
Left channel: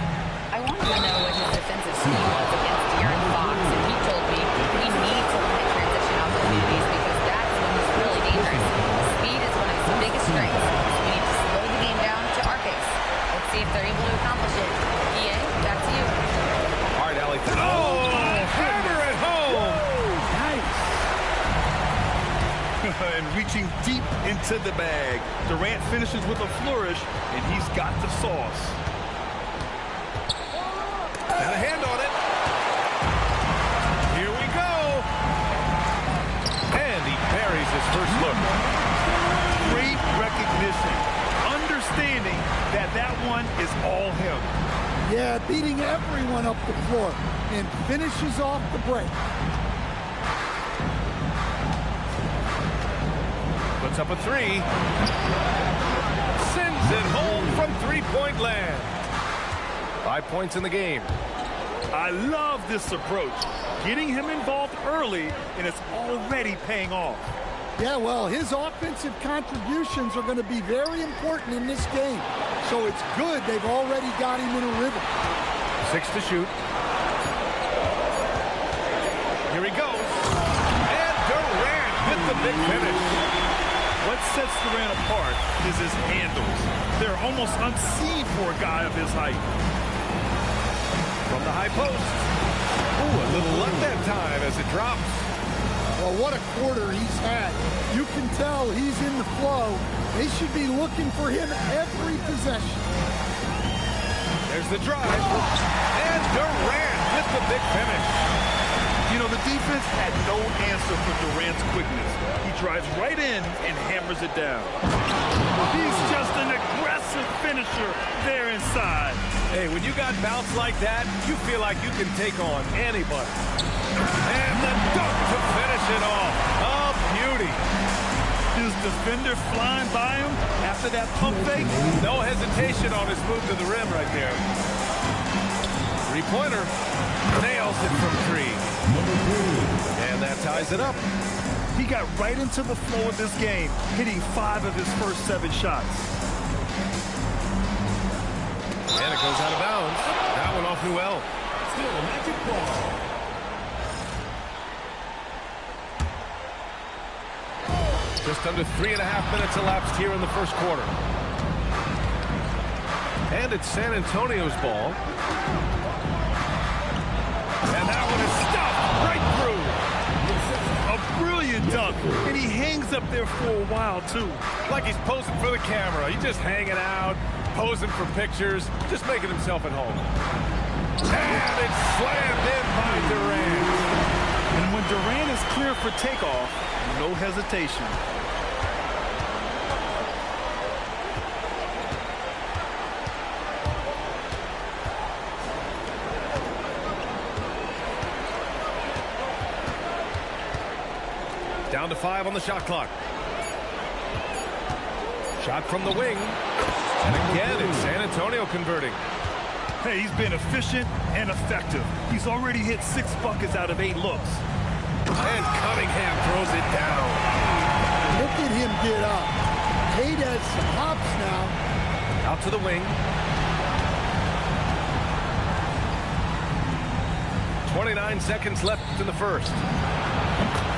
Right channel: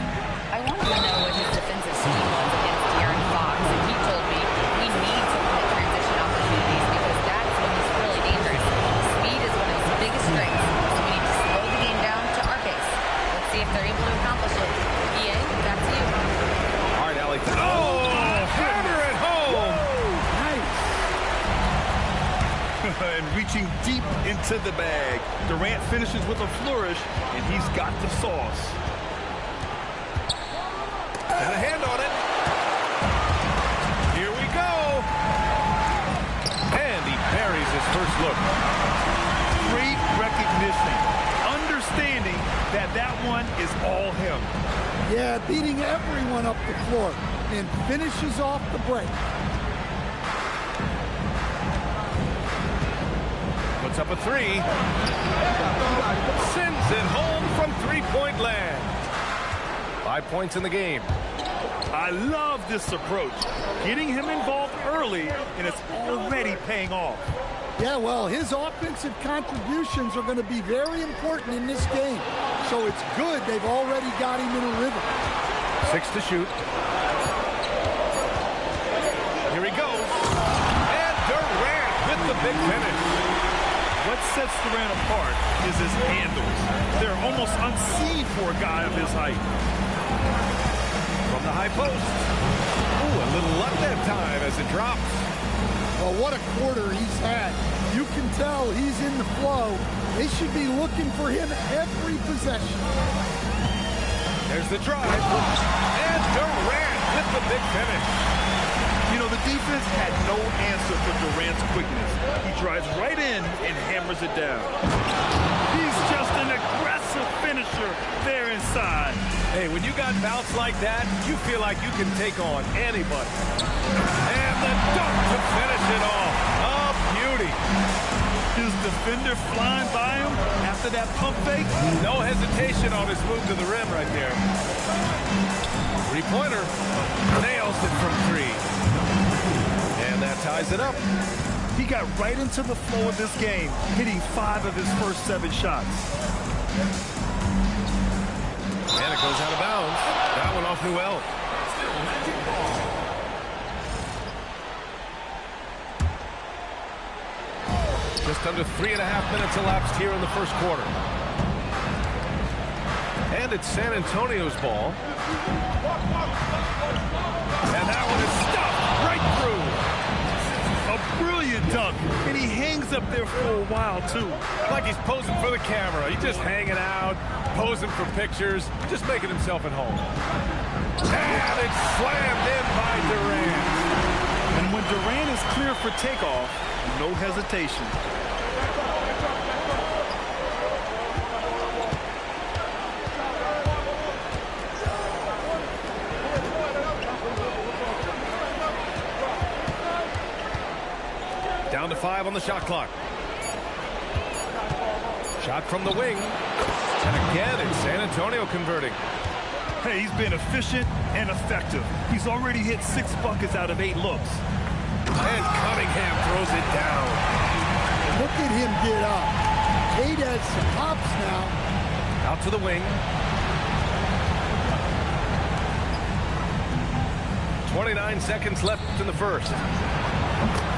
I wanted to know what his defensive scheme was against De'Aaron Fox, and he told me we need to limit transition opportunities because that's when he's really dangerous. Speed is one of his biggest strengths, so we need to slow the game down to our pace. Let's see if they're able to accomplish it. EA, back to you. All right, Allie. Oh, hammer it home. Nice. And reaching deep into the bag. Durant finishes with a flourish, and he's got the sauce. And a hand on it. Here we go. And he buries his first look. Great recognition. Understanding that that one is all him. Yeah, beating everyone up the floor and finishes off the break. Puts up a three. Sends it home from three-point land. 5 points in the game. I love this approach. Getting him involved early, and it's already paying off. Yeah, well, his offensive contributions are going to be very important in this game. So it's good they've already got him in a rhythm. 6 to shoot. Here he goes. And Durant with the big finish. What sets Durant apart is his handles. They're almost unseen for a guy of his height. From the high post. Ooh, a little luck that time as it drops. Well, what a quarter he's had. You can tell he's in the flow. They should be looking for him every possession. There's the drive. And Durant with the big finish. You know, the defense had no answer for Durant's quickness. He drives right in and hammers it down. He's just an aggressive finisher there inside. Hey, when you got bounce like that, you feel like you can take on anybody. And the dunk to finish it off. A beauty. His defender flying by him after that pump fake. No hesitation on his move to the rim right there. Three-pointer. Nails it from three. And that ties it up. He got right into the flow of this game, hitting 5 of his first 7 shots. And it goes out of bounds. That one off Newell. Just under 3.5 minutes elapsed here in the first quarter. And it's San Antonio's ball. And that one is stuffed right through. A brilliant dunk, and he hangs up there for a while, too. Like he's posing for the camera. He's just hanging out, posing for pictures, just making himself at home. And it's slammed in by Durant. And when Durant is clear for takeoff, no hesitation. Down to 5 on the shot clock. Shot from the wing. And again, it's San Antonio converting. Hey, he's been efficient and effective. He's already hit 6 buckets out of 8 looks. And Cunningham throws it down. Look at him get up. Cade has some hops now. Out to the wing. 29 seconds left in the first.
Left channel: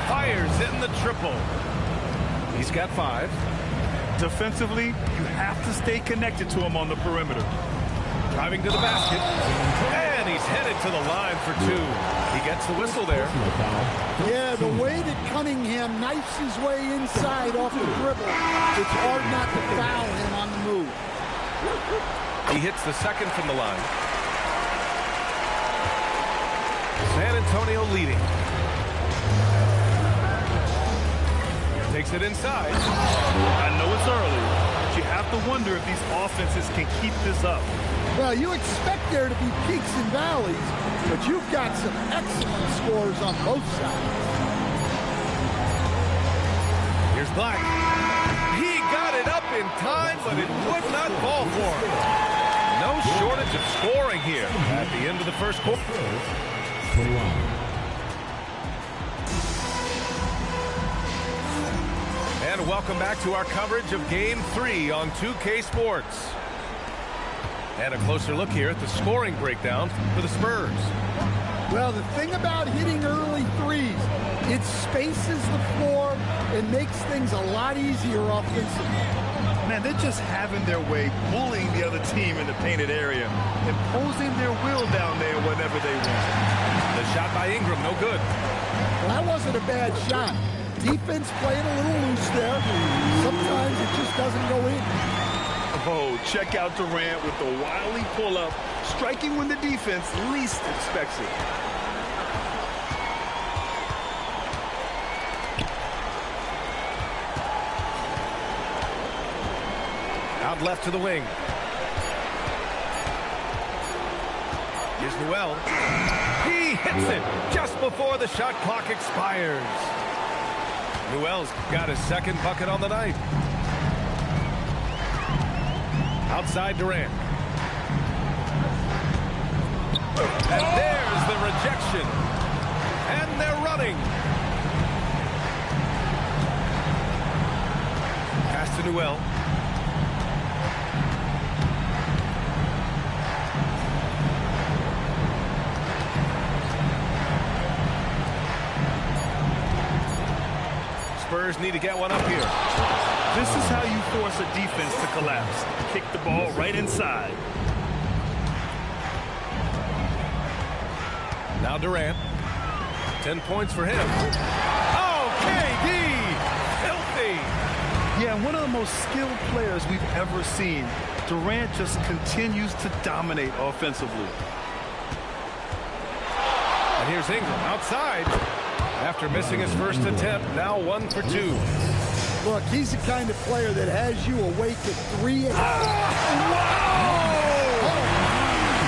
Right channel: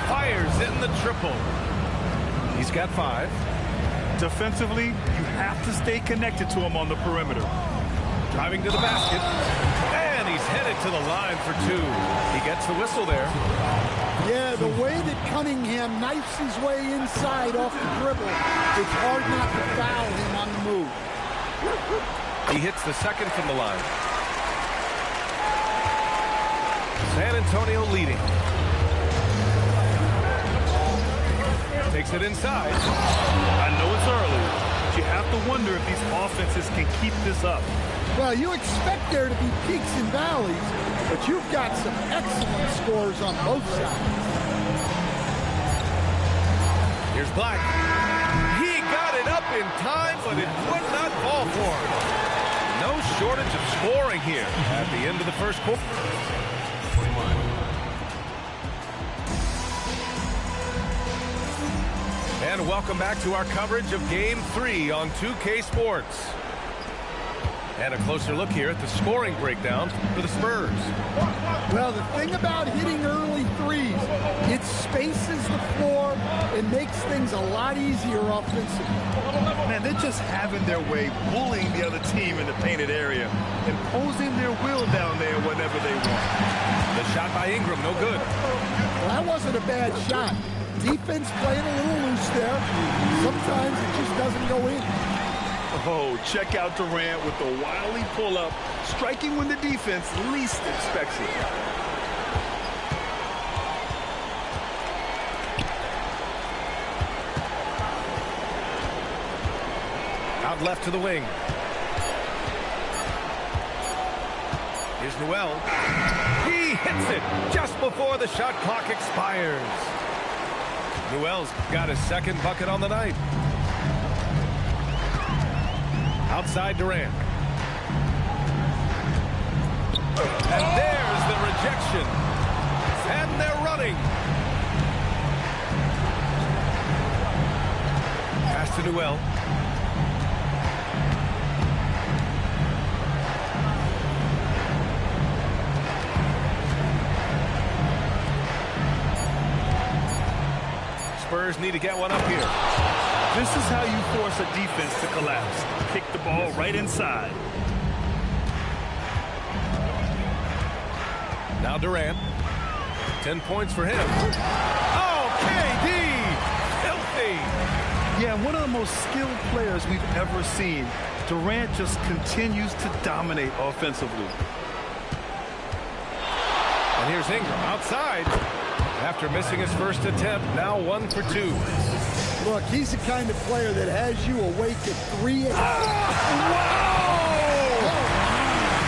Fires in the triple. He's got 5. Defensively, you have to stay connected to him on the perimeter. Driving to the basket. And he's headed to the line for 2. He gets the whistle there. Yeah, the way that Cunningham knifes his way inside off the dribble, it's hard not to foul him on the move. He hits the second from the line. San Antonio leading. Takes it inside. I know it's early, but you have to wonder if these offenses can keep this up. Well, you expect there to be peaks and valleys, but you've got some excellent scores on both sides. Here's Black. He got it up in time, but it would not fall for him. No shortage of scoring here at the end of the first quarter. And welcome back to our coverage of Game 3 on 2K Sports. And a closer look here at the scoring breakdown for the Spurs. Well, the thing about hitting early threes, it spaces the floor and makes things a lot easier offensively. Man, they're just having their way, bullying the other team in the painted area, imposing their will down there whenever they want. The shot by Ingram, no good. Well, that wasn't a bad shot. Defense playing a little loose there. Sometimes it just doesn't go in. Oh, check out Durant with the wily pull-up, striking when the defense least expects it. Out left to the wing. Here's Newell. He hits it just before the shot clock expires. Newell's got his second bucket on the night. Outside Durant. And there's the rejection. And they're running. Pass to Newell. Spurs need to get one up here. This is how you force a defense to collapse. Kick the ball right inside. Now Durant. 10 points for him. Oh, KD! Filthy! Yeah, one of the most skilled players we've ever seen. Durant just continues to dominate offensively. And here's Ingram outside. After missing his first attempt, now 1 for 2. Look, he's the kind of player that has you awake at 3 a.m. Wow!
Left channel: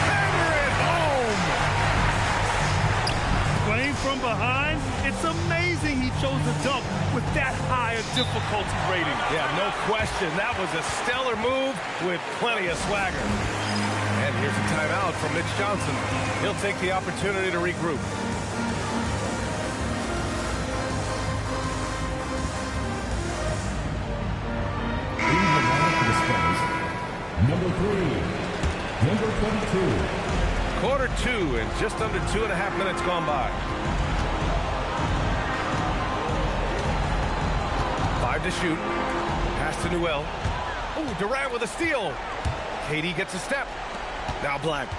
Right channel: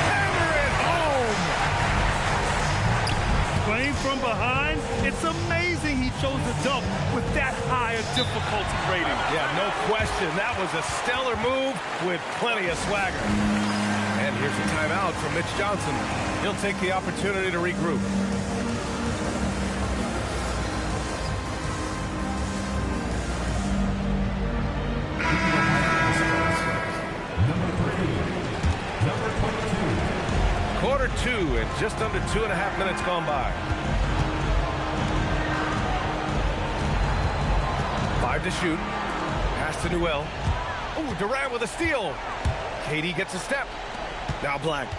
Hammer it home! Playing from behind, it's amazing he chose to dunk with that high a difficulty rating. Yeah, no question. That was a stellar move with plenty of swagger. And here's a timeout from Mitch Johnson. He'll take the opportunity to regroup. Number 22. Quarter 2 and just under 2.5 minutes gone by. 5 to shoot. Pass to Newell. Oh, Durant with a steal. KD gets a step. Now Black.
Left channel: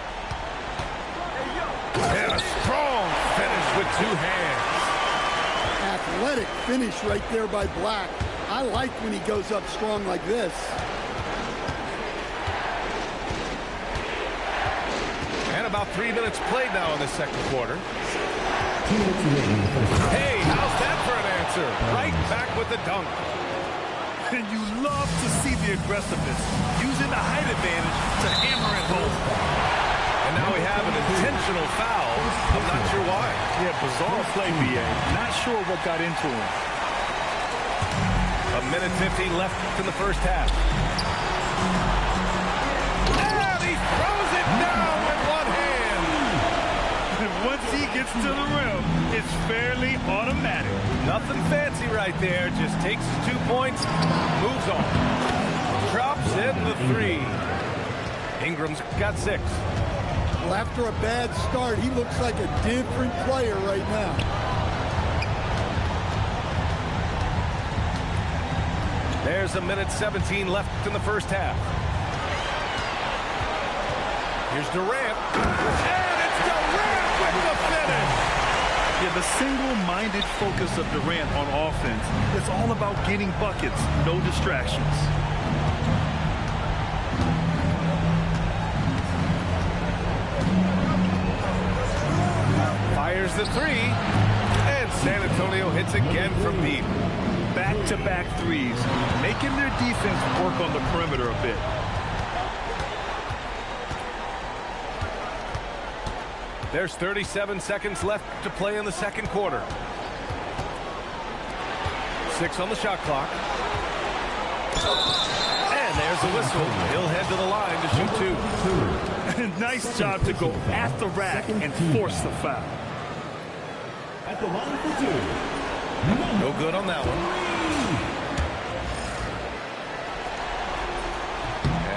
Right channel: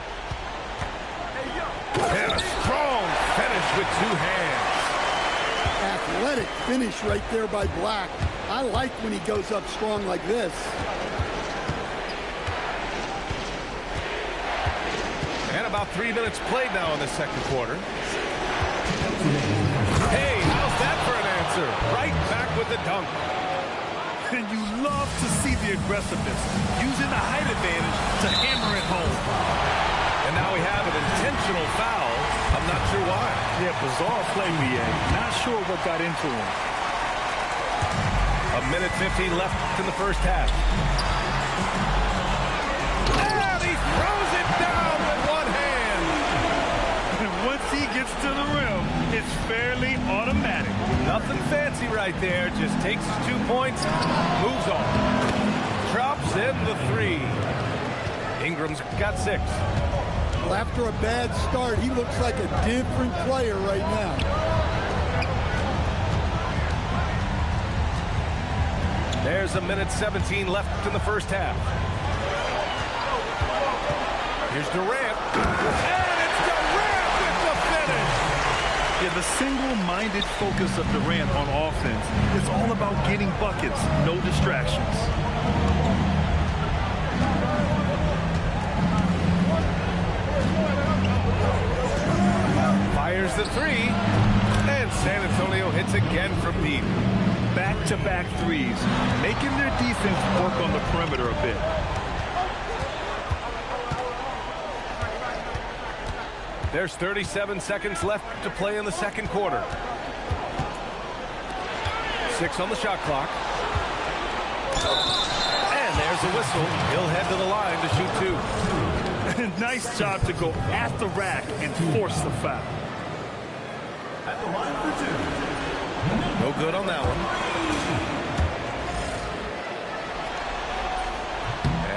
And a strong finish with 2 hands. Athletic finish right there by Black. I like when he goes up strong like this. And about 3 minutes played now in the second quarter. Hey, how's that for an answer? Right back with the dunk. And you love to see the aggressiveness, using the height advantage to hammer it home. And now we have an intentional foul. I'm not sure why. Yeah, bizarre play, B.A. Not sure what got into him. 1:50 left in the first half. And he throws it down with one hand. And once he gets to the rim, it's fairly automatic. Nothing fancy right there. Just takes his 2 points, moves on. Drops in the 3. Ingram's got 6. Well, after a bad start, he looks like a different player right now. There's 1:17 left in the first half. Here's Durant. And it's Durant with the finish. Yeah, the single-minded focus of Durant on offense is all about getting buckets, no distractions. Fires the 3. And San Antonio hits again from deep. Back-to-back threes, making their defense work on the perimeter a bit. There's 37 seconds left to play in the second quarter. 6 on the shot clock. And there's the whistle. He'll head to the line to shoot 2. Nice job to go at the rack and force the foul. At the line for 2. No good on that one.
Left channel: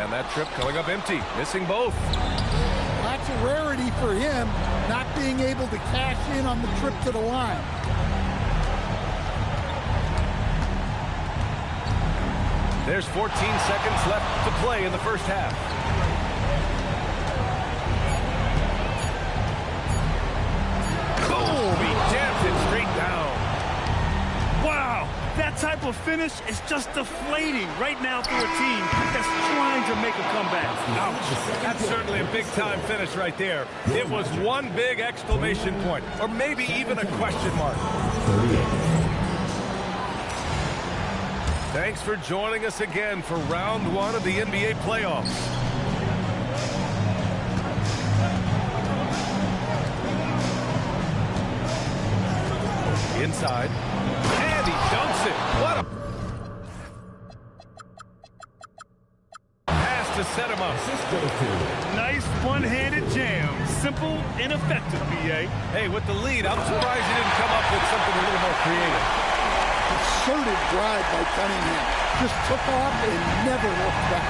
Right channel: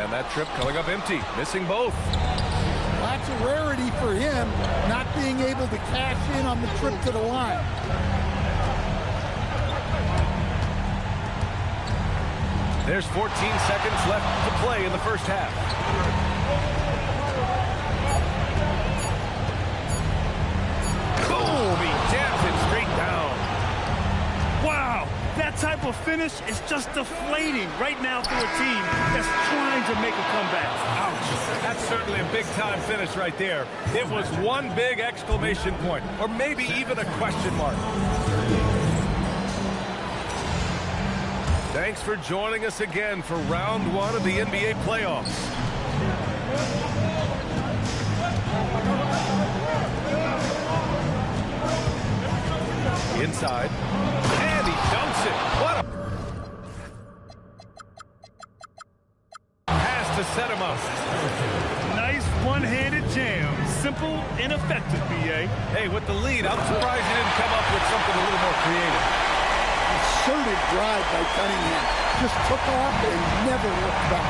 And that trip coming up empty, missing both. Well, that's a rarity for him, not being able to cash in on the trip to the line. There's 14 seconds left to play in the first half. Boom! He jams it straight down. Wow, that type of finish is just deflating right now for a team that's trying to make a comeback. Ouch. That's certainly a big-time finish right there. It was one big exclamation point, or maybe even a question mark. Thanks for joining us again for round 1 of the NBA playoffs. Inside. And he dunks it. What a pass to set him up. Nice one-handed jam. Simple and effective, B.A. Hey, with the lead, I'm surprised he didn't come up with something a little more creative. Concerted drive by Cunningham. Just took off and never looked back.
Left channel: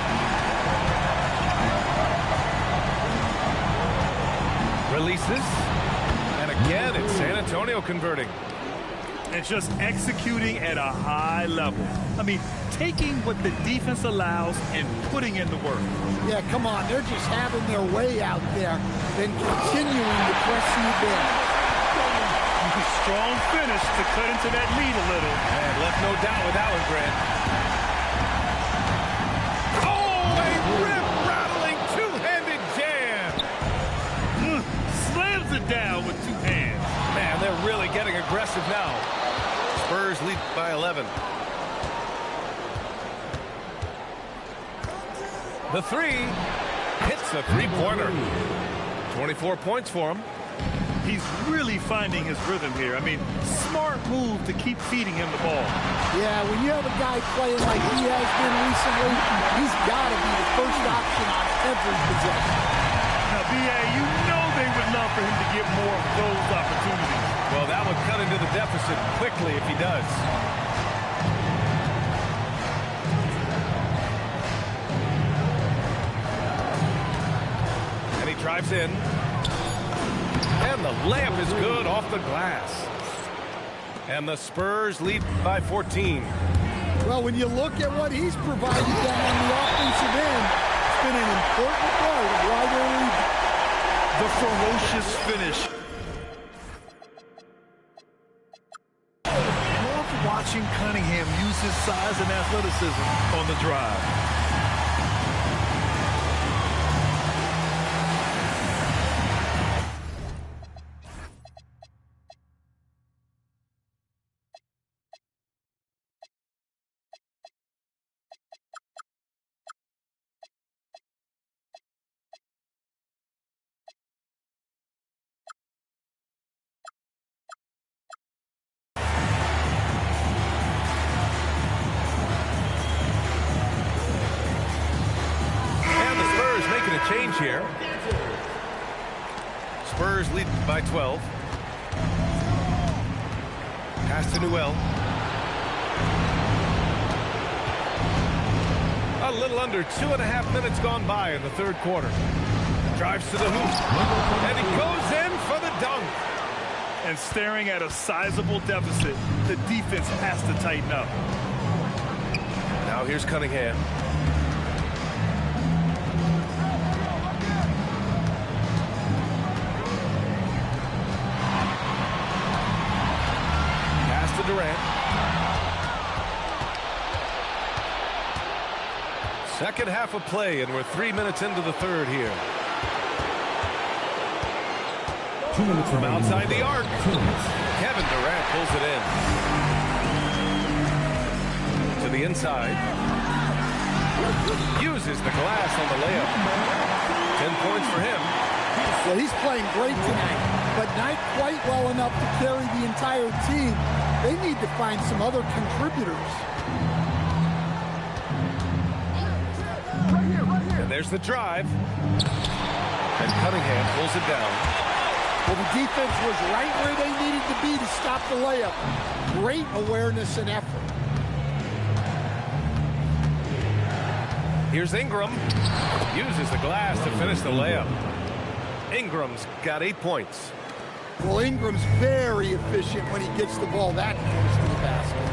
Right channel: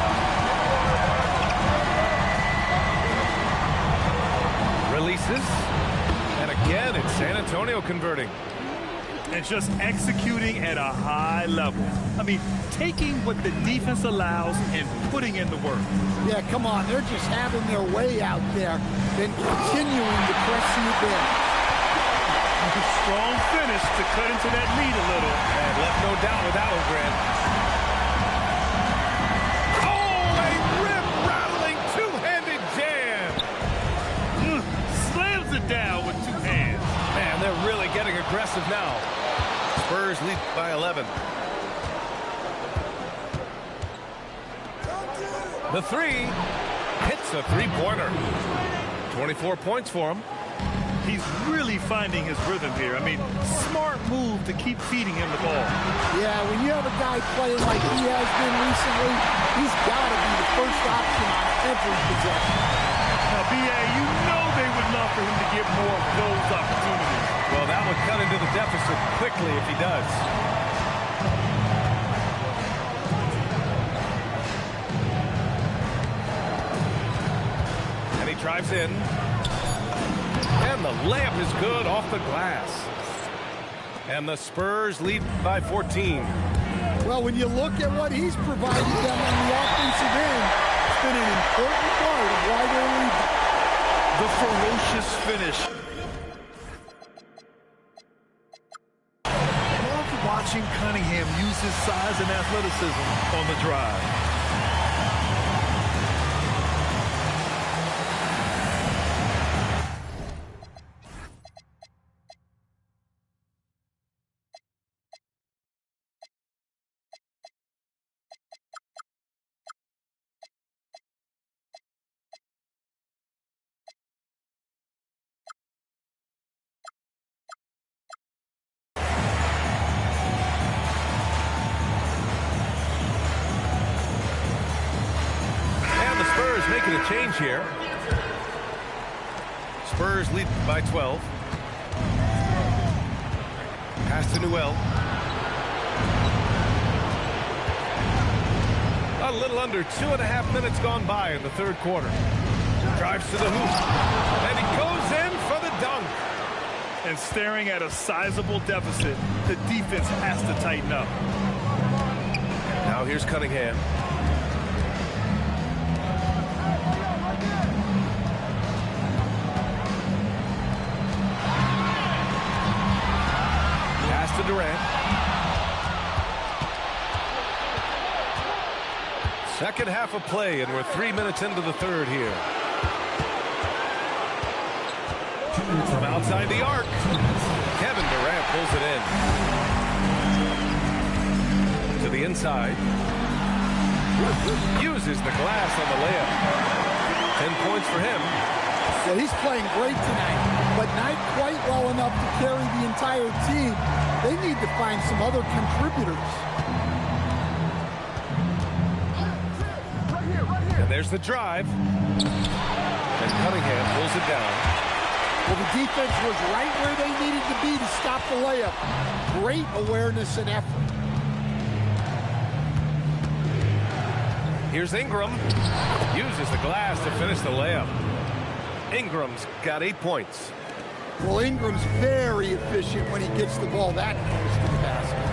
Releases. And again, it's San Antonio converting. And just executing at a high level. I mean, taking what the defense allows and putting in the work. Yeah, come on. They're just having their way out there, then continuing to press the advantage. Strong finish to cut into that lead a little. And left no doubt with that one, Grant. Oh, a rip-rattling two-handed jam. Slams it down with 2 hands. Man, they're really getting aggressive now. Spurs lead by 11. The 3 hits a three-pointer. 24 points for him. He's really finding his rhythm here. I mean, smart move to keep feeding him the ball. Yeah, when you have a guy playing like he has been recently, he's got to be the first option on every possession. Now, B.A., you know they would love for him to get more of those opportunities. Well, that would cut into the deficit quickly if he does. And he drives in. And the layup is good off the glass. And the Spurs lead by 14. Well, when you look at what he's provided them on the offensive end, it's been an important part of why they're leading. The ferocious finish. Love watching Cunningham use his size and athleticism on the drive. Making a change here. Spurs lead by 12. Pass to Newell. A little under 2.5 minutes gone by in the third quarter. Drives to the hoop. And he goes in for the dunk. And staring at a sizable deficit, the defense has to tighten up. Now here's Cunningham. Pass to Durant. Second half of play, and we're 3 minutes into the third here. 2 minutes from outside the arc. Kevin Durant pulls it in. To the inside. Uses the glass on the layup. 10 points for him. Well, he's playing great tonight, but not quite well enough to carry the entire team. They need to find some other contributors. And there's the drive. And Cunningham pulls it down. Well, the defense was right where they needed to be to stop the layup. Great awareness and effort. Here's Ingram. Uses the glass to finish the layup. Ingram's got 8 points. Well, Ingram's very efficient when he gets the ball that close to the basket.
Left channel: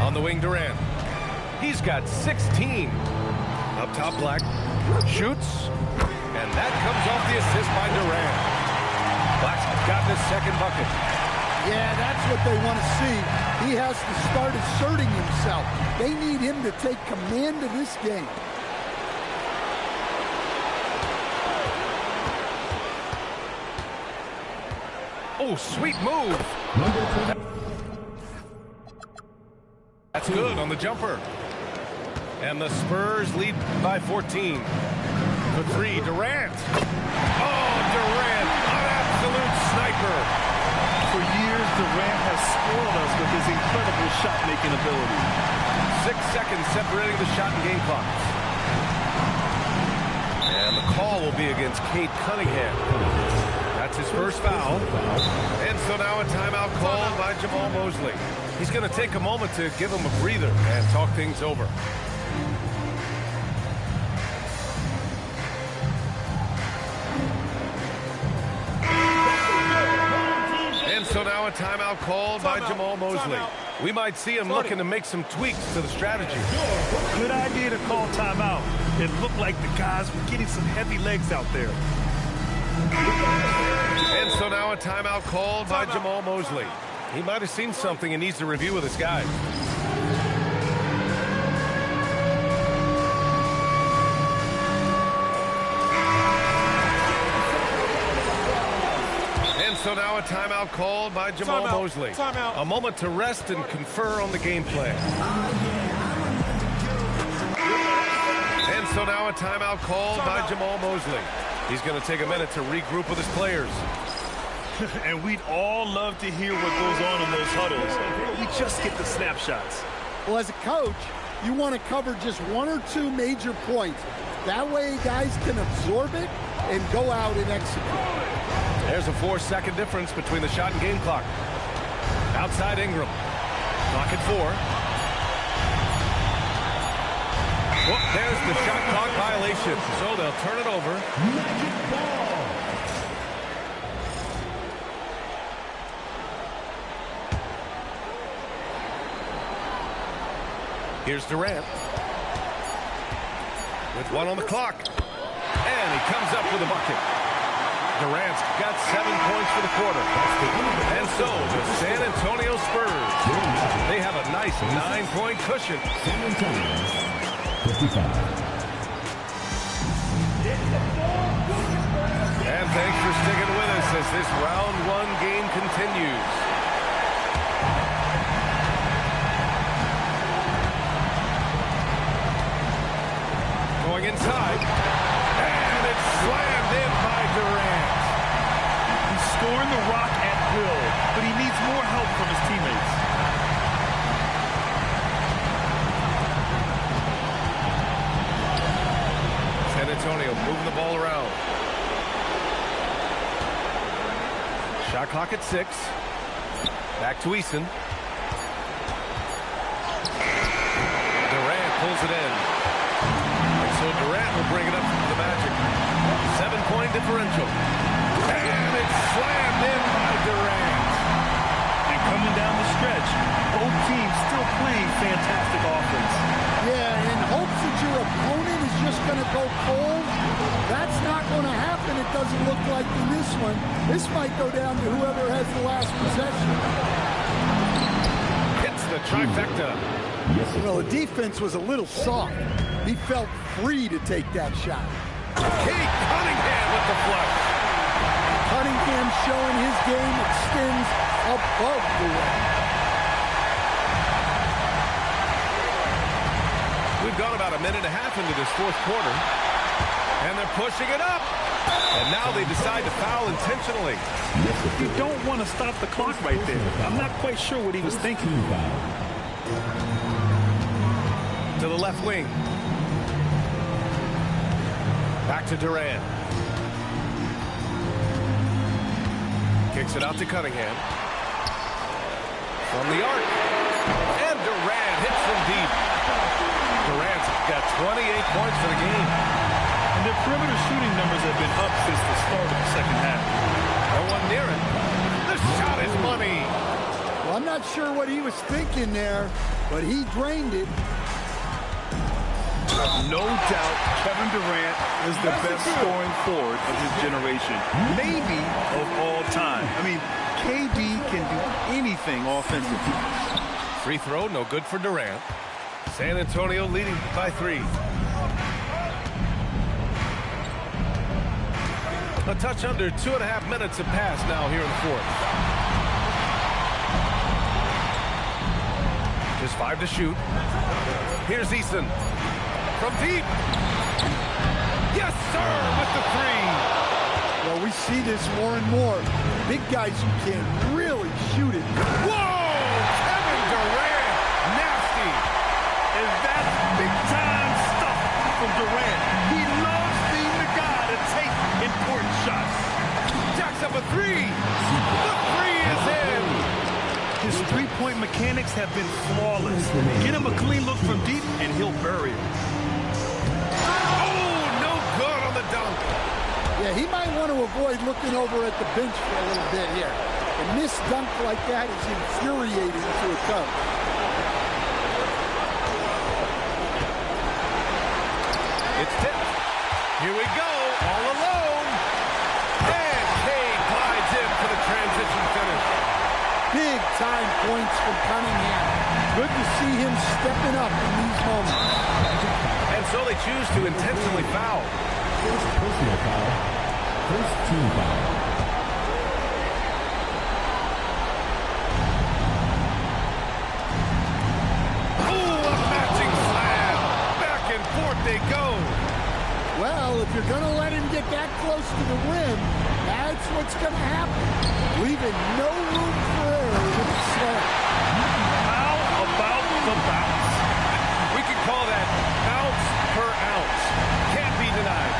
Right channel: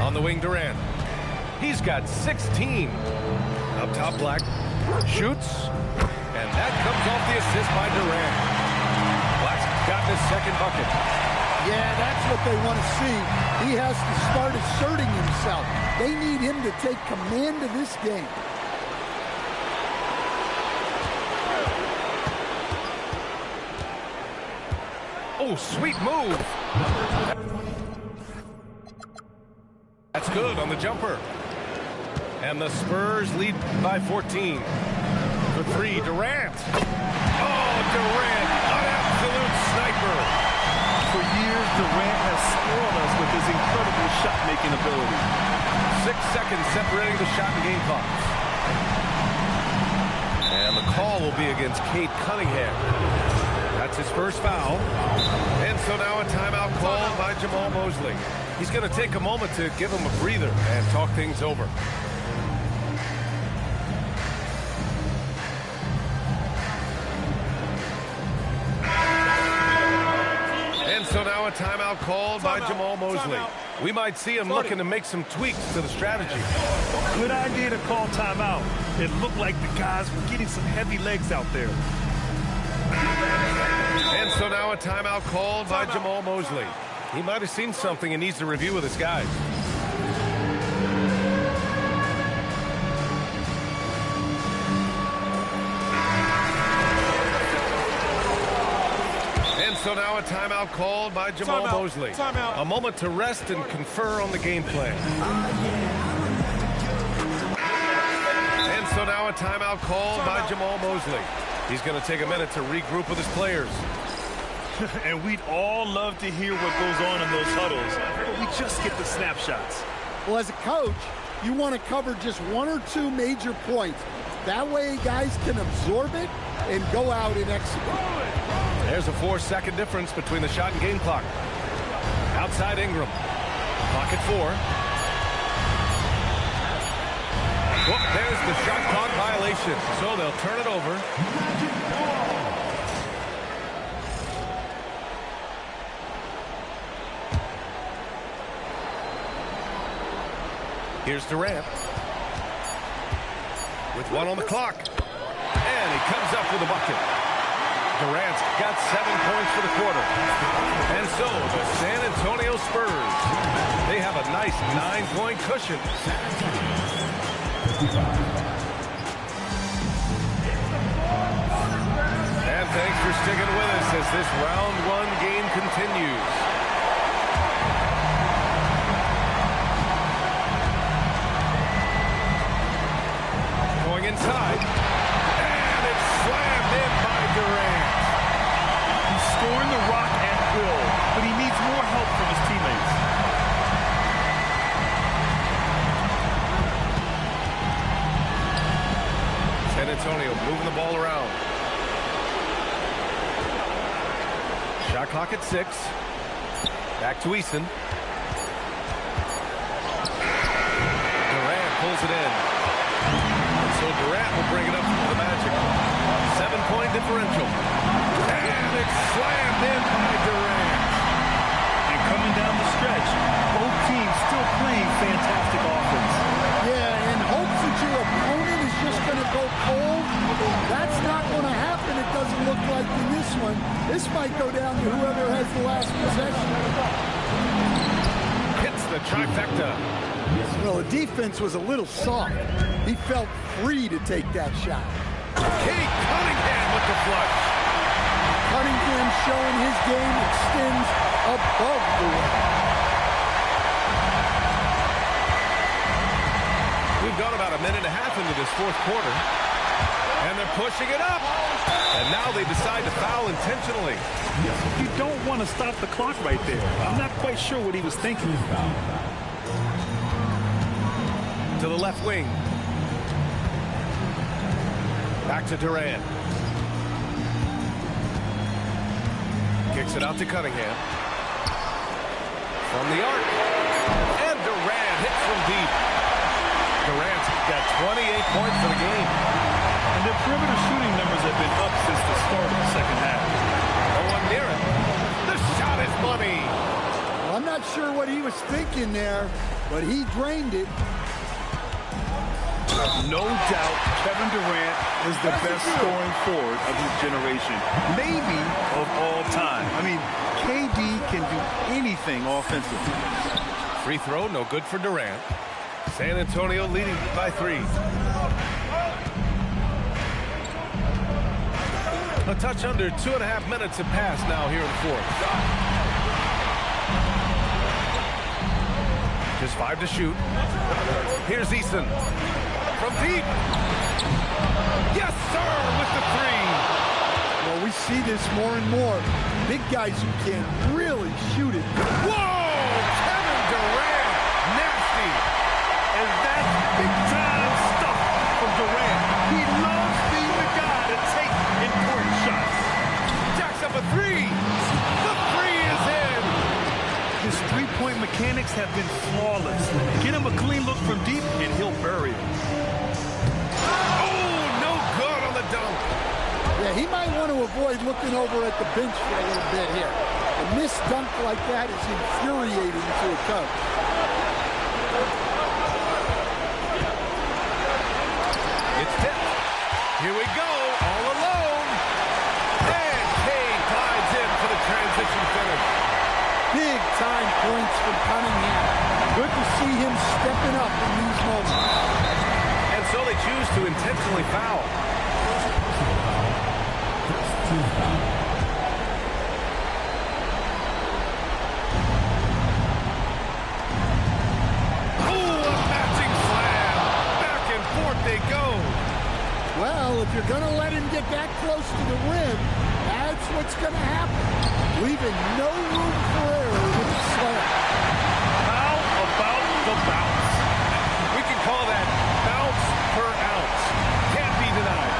On the wing, Durant. He's got 16. Up top, Black. Shoots. And that comes off the assist by Durant. Black's gotten his second bucket. Yeah, that's what they want to see. He has to start asserting himself. They need him to take command of this game. Oh, sweet move. That's good on the jumper. And the Spurs lead by 14. For 3, Durant. Oh, Durant, an absolute sniper. For years, Durant has spoiled us with his incredible shot-making ability. 6 seconds separating the shot and game clocks. And the call will be against Cade Cunningham. That's his first foul. And so now a timeout called by Jamal Mosley. He's going to take a moment to give him a breather and talk things over. And so now a timeout called by Jamal Mosley. We might see him looking to make some tweaks to the strategy. Good idea to call timeout. It looked like the guys were getting some heavy legs out there. And so now a timeout called by Jamal Mosley. He might have seen something and needs to review with his guys. And so now a timeout called by Jamal Mosley. A moment to rest and confer on the game plan. And so now a timeout called by Jamal Mosley. He's going to take a minute to regroup with his players. And we'd all love to hear what goes on in those huddles, but we just get the snapshots. Well, as a coach, you want to cover just 1 or 2 major points. That way guys can absorb it and go out and execute. There's a 4-second difference between the shot and game clock. Outside Ingram. Clock at 4. Well, there's the shot clock violation. So they'll turn it over. Magic ball. Here's Durant. With 1 on the clock. And he comes up with a bucket. Durant's got 7 points for the quarter. And so the San Antonio Spurs, they have a nice 9-point cushion. San Antonio, 55. And thanks for sticking with us as this round 1 game continues. Going inside. And it's slammed in by Durant. He's scoring the rock at will, but he needs more help from his teammates. San Antonio moving the ball around. Shot clock at 6. Back to Eason. Durant pulls it in. And so Durant will bring it up for the Magic. 7-point differential. And it's slammed in by Durant. And coming down the stretch, both teams still playing fantastic offense. Yeah, and hopes that your opponent is just going to go cold. That's not going to happen, it doesn't look like in this one. This might go down to whoever has the last possession. Hits the trifecta. Well, the defense was a little soft. He felt free to take that shot. Cade Cunningham with the flush. Cunningham showing his game extends above the rim. We've gone about a minute and a half into this fourth quarter. And they're pushing it up. And now they decide to foul intentionally. You don't want to stop the clock right there. I'm not quite sure what he was thinking. To the left wing. Back to Durant. Kicks it out to Cunningham. From the arc. And Durant hits from deep. Durant's got 28 points for the game. And their perimeter shooting numbers have been up since the start of the second half. No one near it. The shot is money. Well, I'm not sure what he was thinking there, but he drained it. No doubt Kevin Durant is the best scoring forward of his generation, maybe of all time. I mean, KD can do anything offensively. Free throw, no good for Durant. San Antonio leading by 3. A touch under 2.5 minutes have passed now here in the fourth. Just 5 to shoot. Here's Eason. From deep. Yes, sir, with the 3. Well, we see this more and more. Big guys who can really shoot it. Whoa! Kevin Durant. Nasty. And that's big-time stuff from Durant. He loves being the guy to take important shots. Jacks up a 3. The 3 is in. His three-point mechanics have been flawless. Get him a clean look from deep, and he'll bury it. Oh, no good on the dunk. Yeah, he might want to avoid looking over at the bench for a little bit here. A missed dunk like that is infuriating to a coach. It's tipped. Here we go, all alone. And Cade glides in for the transition finish. Big time points from Cunningham. Good to see him stepping up in these moments. And so they choose to intentionally foul. Personal foul. First team foul. Oh, a matching slam. Back and forth they go. Well, if you're going to let him get that close to the rim, that's what's going to happen. Leaving no room for error with the slam. How about the bounce? We can call that bounce per ounce. Can't be denied.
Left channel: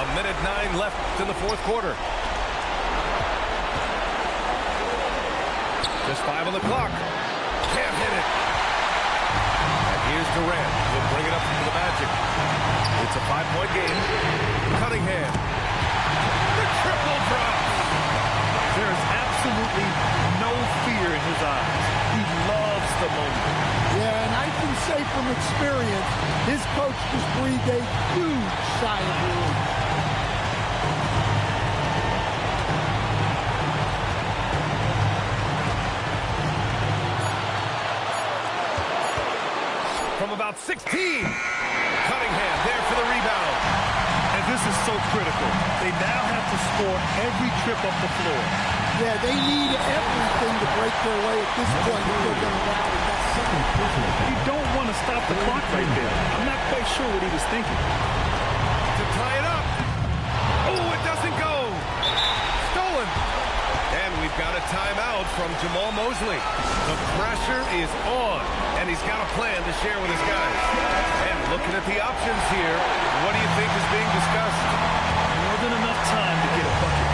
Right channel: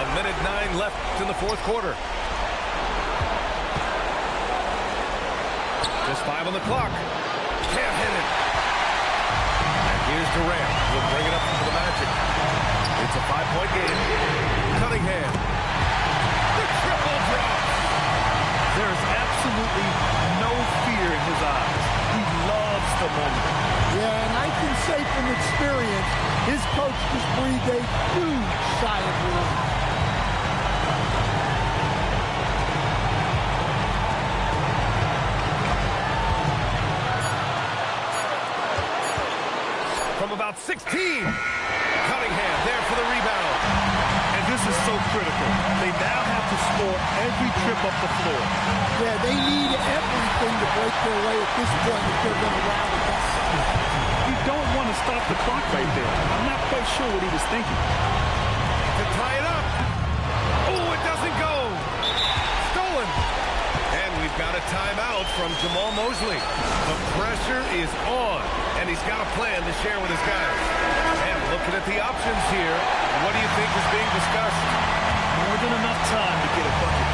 A minute 9 left in the fourth quarter. Just 5 on the clock. Can't hit it. And here's Durant. He'll bring it up for the Magic. It's a 5-point game. Cunningham. The triple drops. There's absolutely no fear in his eyes. He loves the moment. Yeah, and I can say from experience, his coach just breathed a huge sigh of relief. From about 16. Cunningham there for the rebound. And this is so critical. They now have to score every trip up the floor. Yeah, they need everything to break their way at this point if they're going to rally back. You don't want to stop the clock right there. I'm not quite sure what he was thinking. To tie it up. Oh, it doesn't go. Stolen. And we've got a timeout from Jamal Mosley. The pressure is on, and he's got a plan to share with his guys. And looking at the options here, what do you think is being discussed? More than enough time to get a bucket.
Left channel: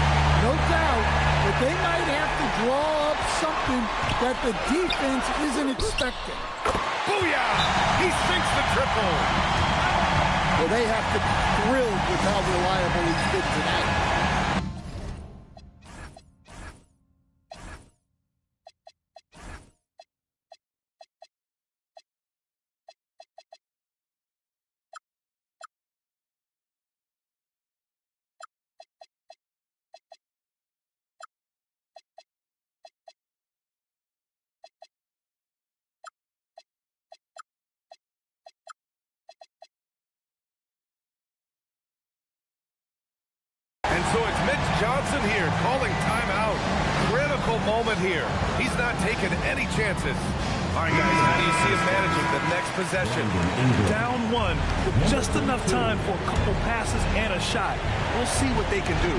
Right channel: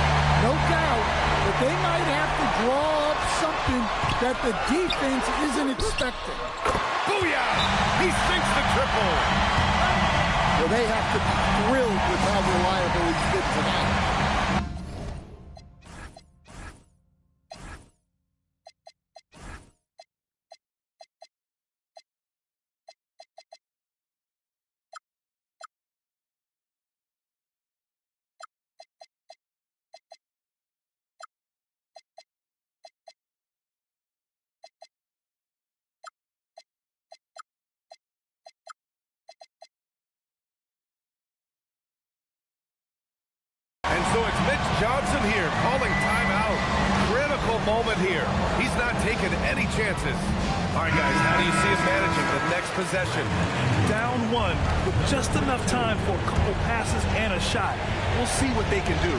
No doubt, but they might have to draw up something that the defense isn't expecting. Booyah! He sinks the triple. Well, they have to be thrilled with how reliable he's been tonight. And so it's Mitch Johnson here calling timeout. critical moment here. He's not taking any chances. All right, guys, how do you see him managing the next possession? Down one with just enough time for a couple passes and a shot. We'll see what they can do.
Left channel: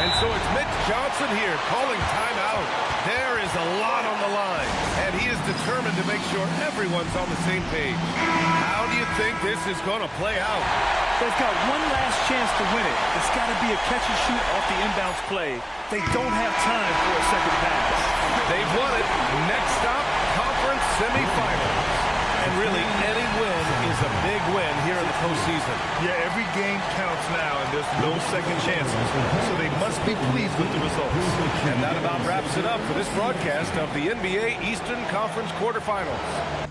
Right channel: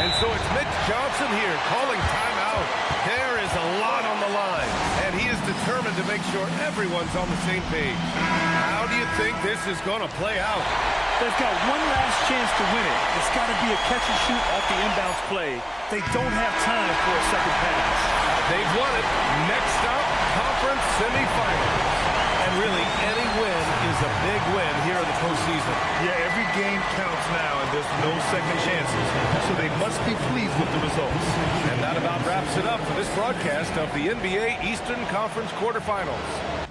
And so it's Mitch Johnson here calling timeout. There is a lot on the line, and he is determined to make sure everyone's on the same page. How do you think this is going to play out? They've got one last chance to win it. It's got to be a catch and shoot off the inbounds play. They don't have time for a second pass. They've won it. Next stop, conference semifinals. And really, any win is a big win here in the postseason. Yeah, every game counts now, and there's no second chances. So they must be pleased with the results. And that about wraps it up for this broadcast of the NBA Eastern Conference quarterfinals.